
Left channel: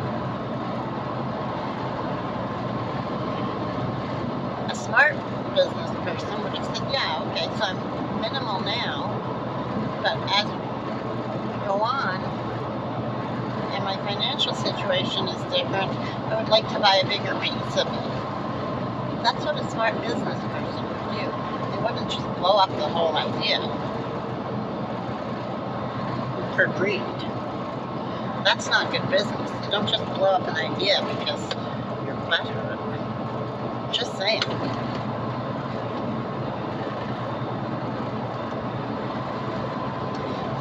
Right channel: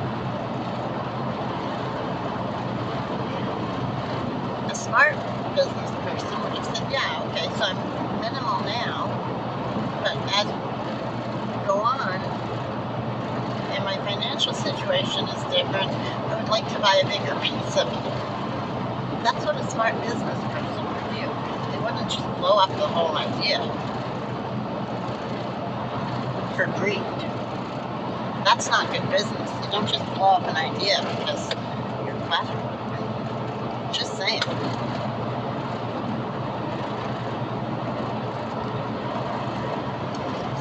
A smart business person would have said, yeah, okay, so I'm minimal now, but as we go on, and my financial situation is different, I would like to buy a bigger piece of it. That's what a smart business person would do. They wouldn't just blow up the whole idea for greed. That's not good business. You don't just blow up an idea because you're butthurt. Just saying.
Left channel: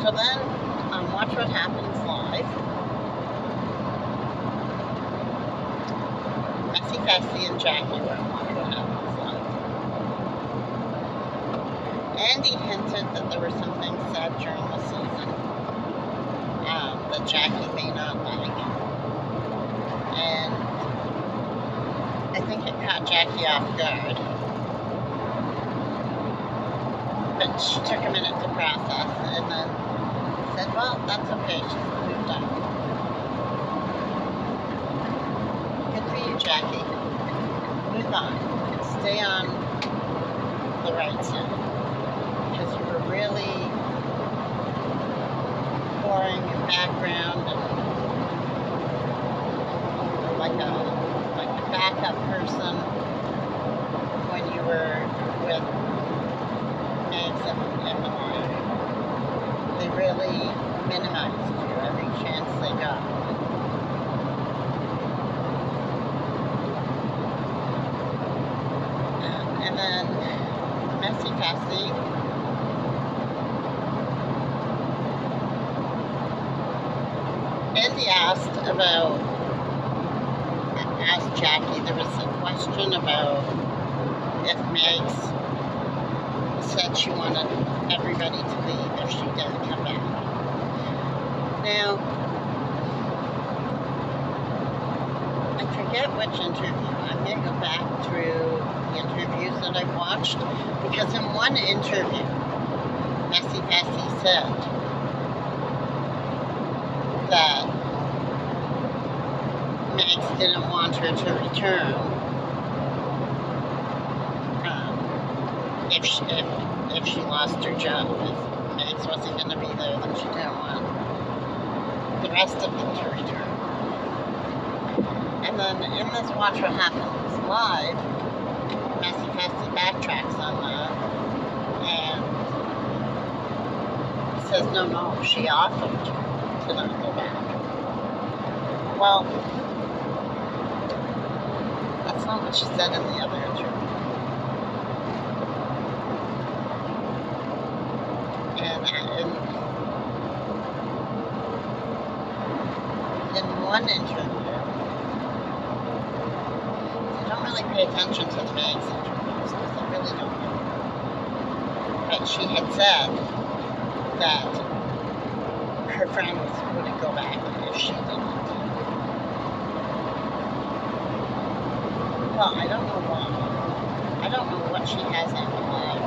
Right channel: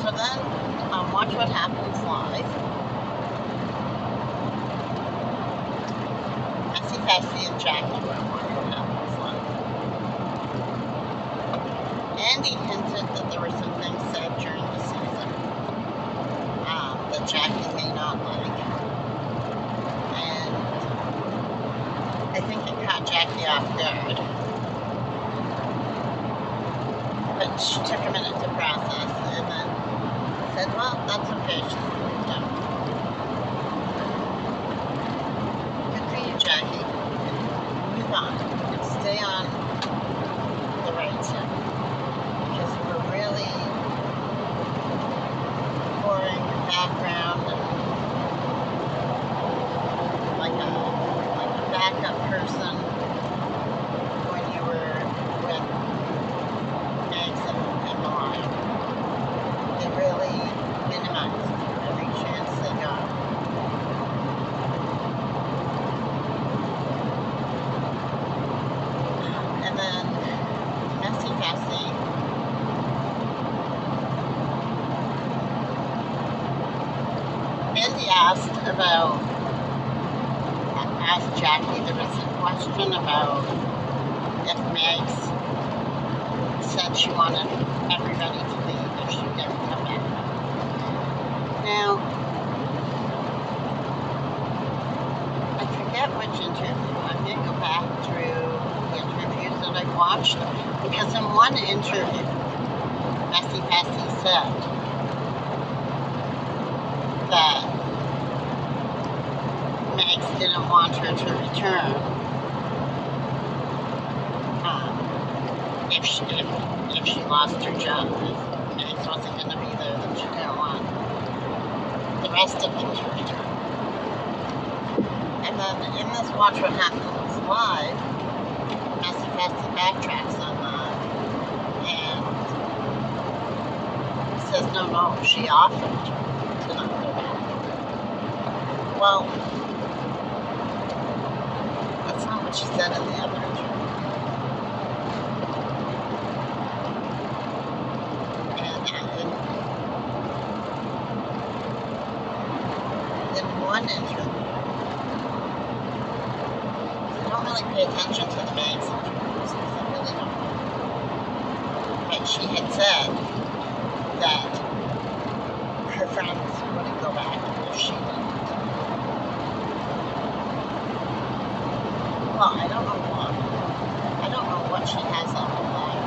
So then, Watch What Happens Live. Messy and Jackie were on Watch What Happens Live. Andy hinted that there were some things said during the season that Jackie may not like. And I think it caught Jackie off guard. But she took a minute to process and then said, well, that's okay, she's moved on. Good for you, Jackie. Move on. Stay on the right side. Because you were really pouring your background and like a backup person when you were with Eggs and Malaya. They really minimized you every chance they got. And then Messy Cassie. Andy asked Jackie, there was a question about if Megs said she wanted everybody to leave if she didn't come back. Now, I forget which interview. I'm going to go back through the interviews that I've watched, because in one interview, Messy Cassie said that Megs didn't want her to return if she lost her job. If Megs wasn't going to be there, then she didn't want the rest of them to return. And then in this Watch What Happens Live, Messy Cassie backtracks on that and says, no, she offered to not go back. Well, that's not what she said in the other interview. In one interview, I don't really pay attention to the Megs interviews because I really don't know. But she had said that her friends wouldn't go back if she didn't. Well, I don't know why. I don't know what she has on Malaya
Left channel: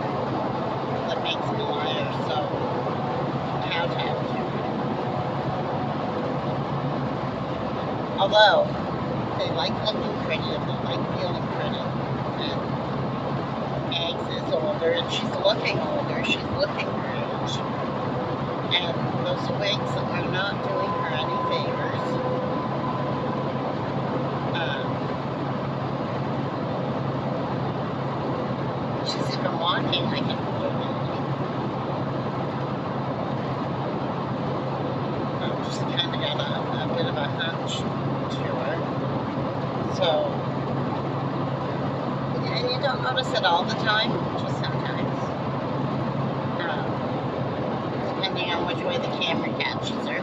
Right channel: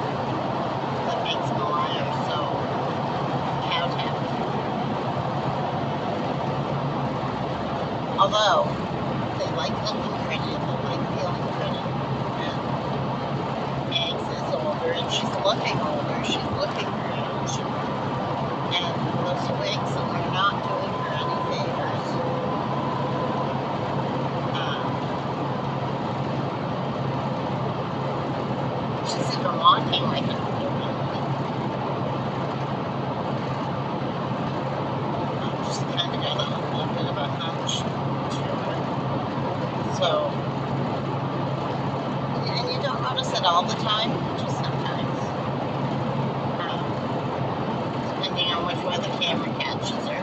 that makes Malaya so kowtowed. Although, they like looking pretty and they like feeling pretty. And Eggs is older and she's looking older. She's looking her age. And those wigs are not doing her any favors. She's even walking like an older lady. She's kind of got a bit of a hunch to her. So, and you don't notice it all the time, just sometimes. Depending on which way the camera catches her.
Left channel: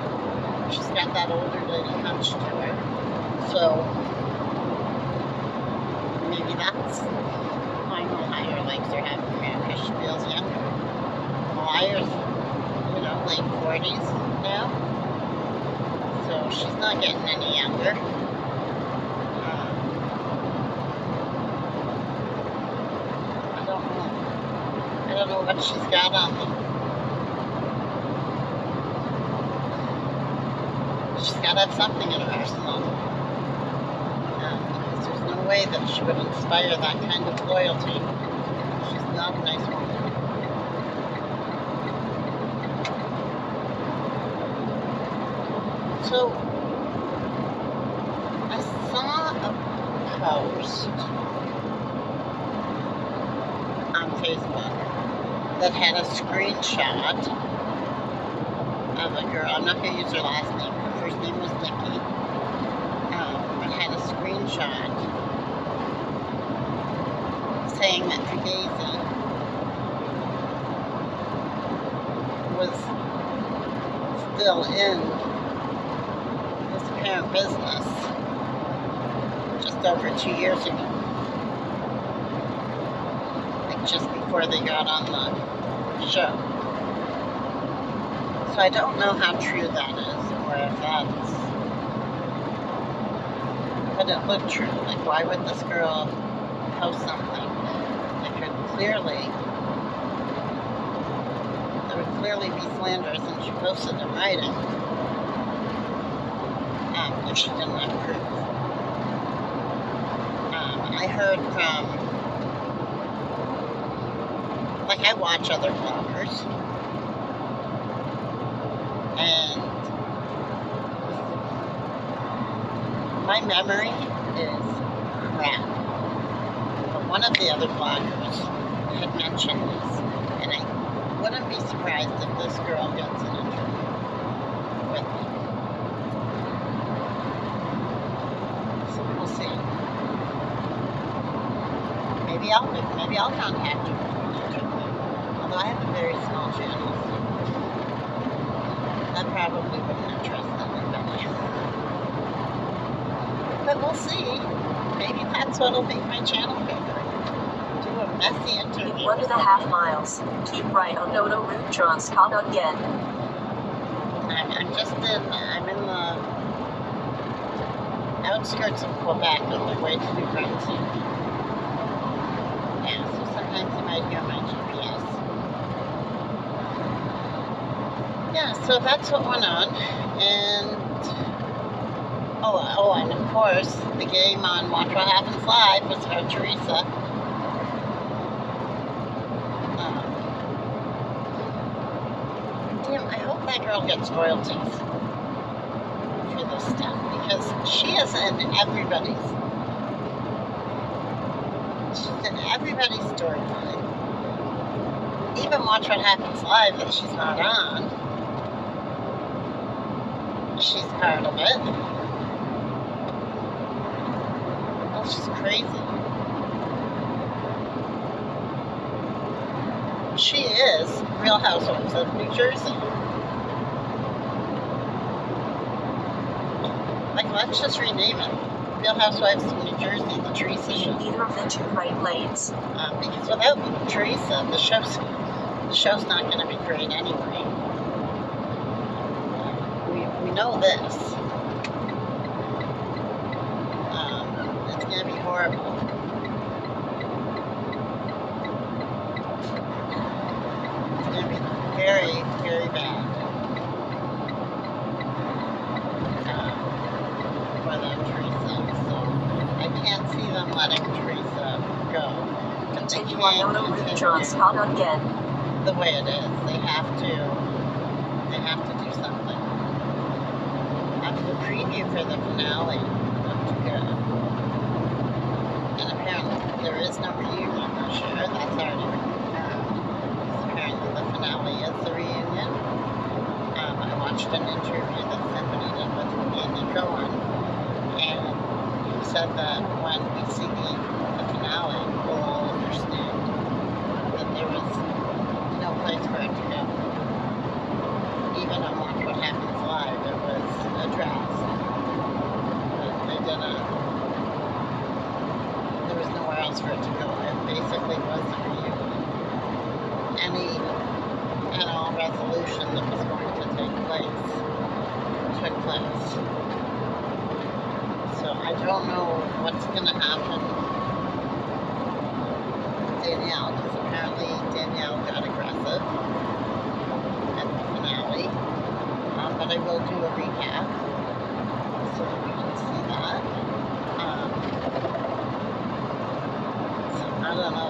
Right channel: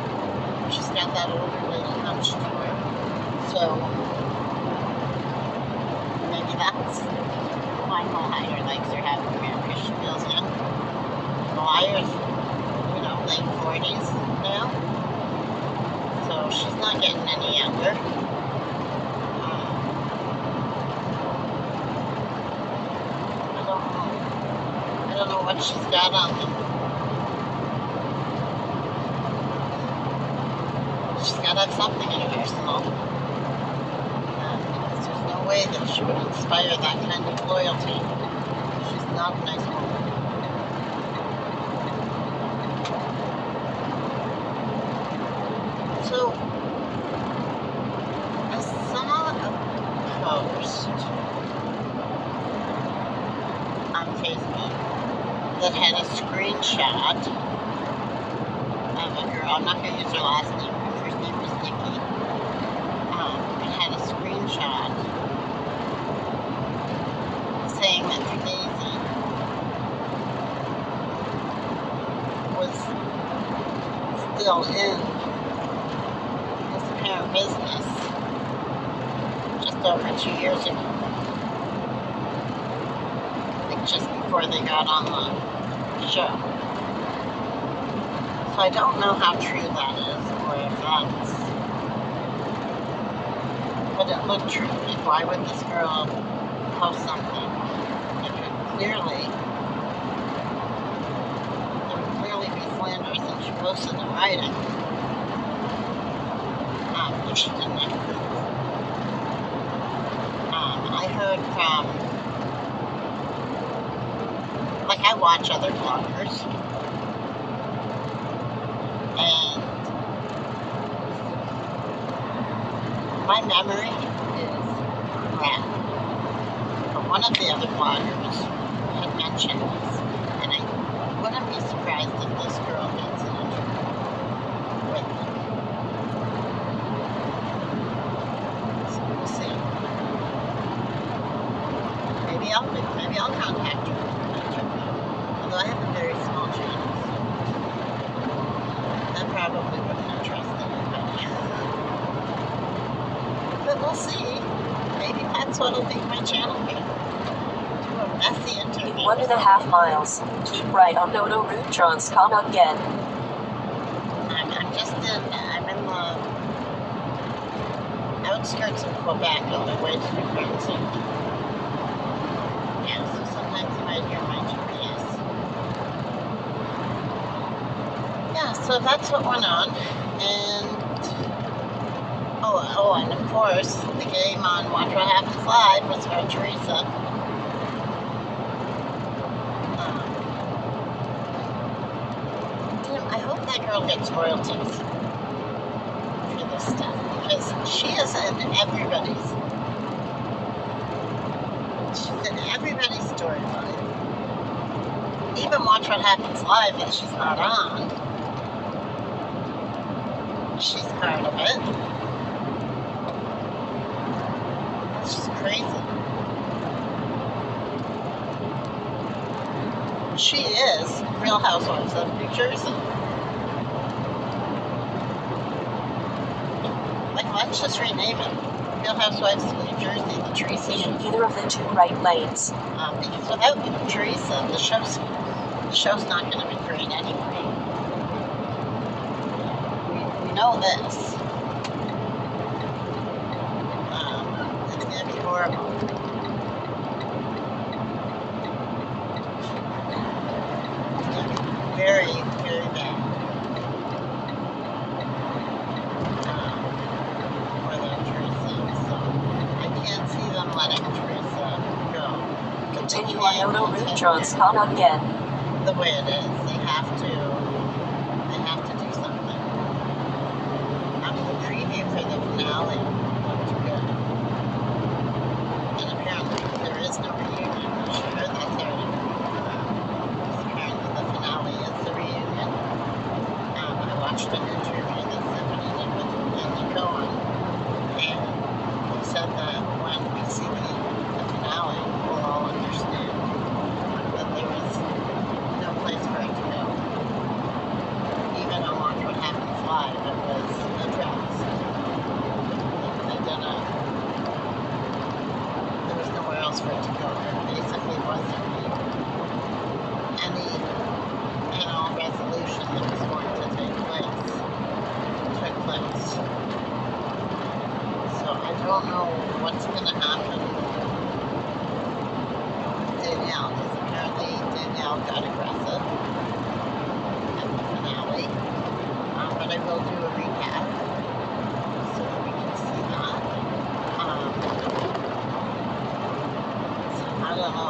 She's got that older lady hunch to her. So, maybe that's why Malaya likes her having her because she feels younger. Malaya's, late 40s now. So she's not getting any younger. know what she's got on them. She's got to have something in her arsenal. Because there's no way that she would inspire that kind of loyalty. She's not a nice woman. So, I saw a post on Facebook that had a screenshot of a girl. I'm not going to use her last name. Her first name was Nikki. It had a screenshot saying that Daisy was still in his apparent business just over 2 years ago. Like just before they got on the show. So I don't know how true that is, or if that's... But it looked true. Like, why would this girl post something that could clearly... There would clearly be slanderous, and she posted in writing. If she didn't have proof. I heard from... Like, I watch other bloggers. And my memory is crap. But one of the other bloggers had mentioned this, and I wouldn't be surprised if this girl gets an interview with them. So we'll see. Maybe I'll contact her for an interview. Although I have a very small channel. That probably wouldn't interest anybody. But we'll see. Maybe that's what'll make my channel bigger. Do a messy interview. 1.5 miles. Keep right on WWHL. Come again. I'm in the outskirts of Quebec on the way to New Brunswick. Yeah, so sometimes you might hear my GPS. Yeah, so that's what went on, and and of course, the game on Watch What Happens Live was about Teresa. I hope that girl gets royalties for this stuff, because she is in everybody's storyline. Even Watch What Happens Live that she's not on. She's part of it. That's just crazy. She is Real Housewives of New Jersey. Like, let's just rename it. Real Housewives of New Jersey, the Teresa Show. Either of the two right lanes. Because without Teresa, the show's not going to be great anyway. We know this. It's going to be horrible. It's going to be very, very bad. For them, Teresa. So I can't see them letting Teresa go. But they can't Come again. the way it is. They have to do something. The preview for the finale looked good. And apparently there is no reunion. I'm not sure. That's already been confirmed. Because apparently the finale is the reunion. I watched an interview that Stephanie did with Andy Cohen. And he said that when we see the finale, we'll all understand that there was no place for it to go. Even on Watch What Happens Live, it was addressed. There was nowhere else for it to go. It basically was the reunion. Any and all resolution that was going to take place took place. So I don't know what's going to happen with Danielle, because apparently Danielle Danielle got aggressive at the finale. But I will do a recap so we can see that. So I don't know,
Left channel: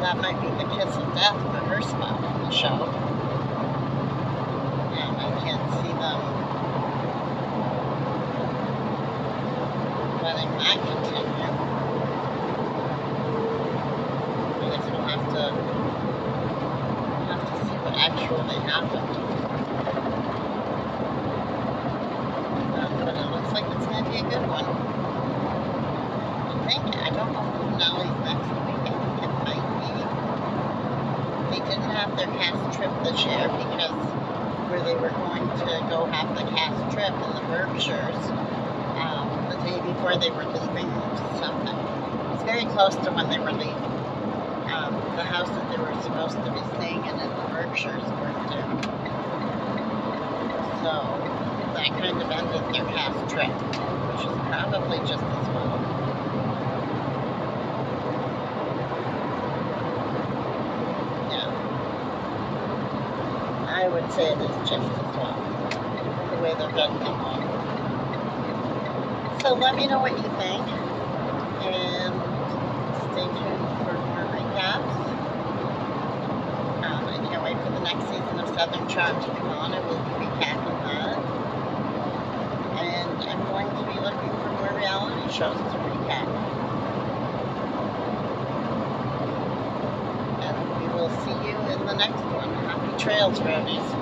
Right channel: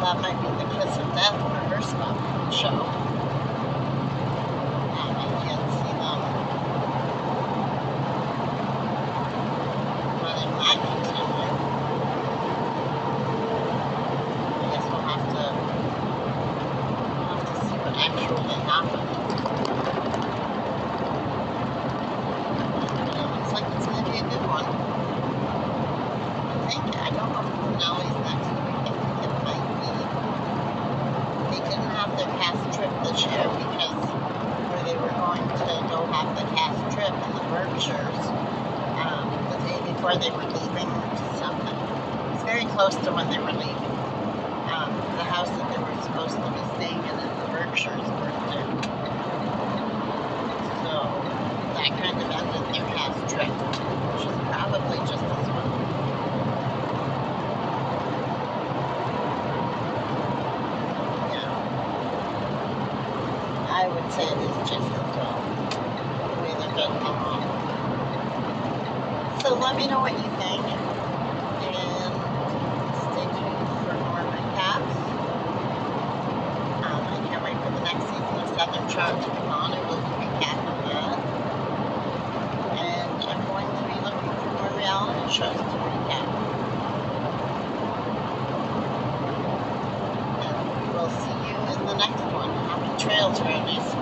that might be the kiss of death for her spot on the show. I can't see them letting that continue. I guess we'll have to see what actually happened. But it looks like it's going to be a good one. I don't know if finale's next week. I think it might be. They didn't have their cast trip this year because where they were going to go have the cast trip in the Berkshires the day before they were leaving something. It's very close to when they were leaving. The house that they were supposed to be staying in the Berkshires weren't there. So that kind of ended their cast trip, which is probably just as well. Yeah. I would say it is just as well, the way they're getting along. So let me know what you think, and stay tuned for more recaps. I can't wait for the next season of Southern Charm to come on. I will be recapping that. And I'm going to be looking for more reality shows to recap. And we will see you in the next one. Happy trails, Brownies.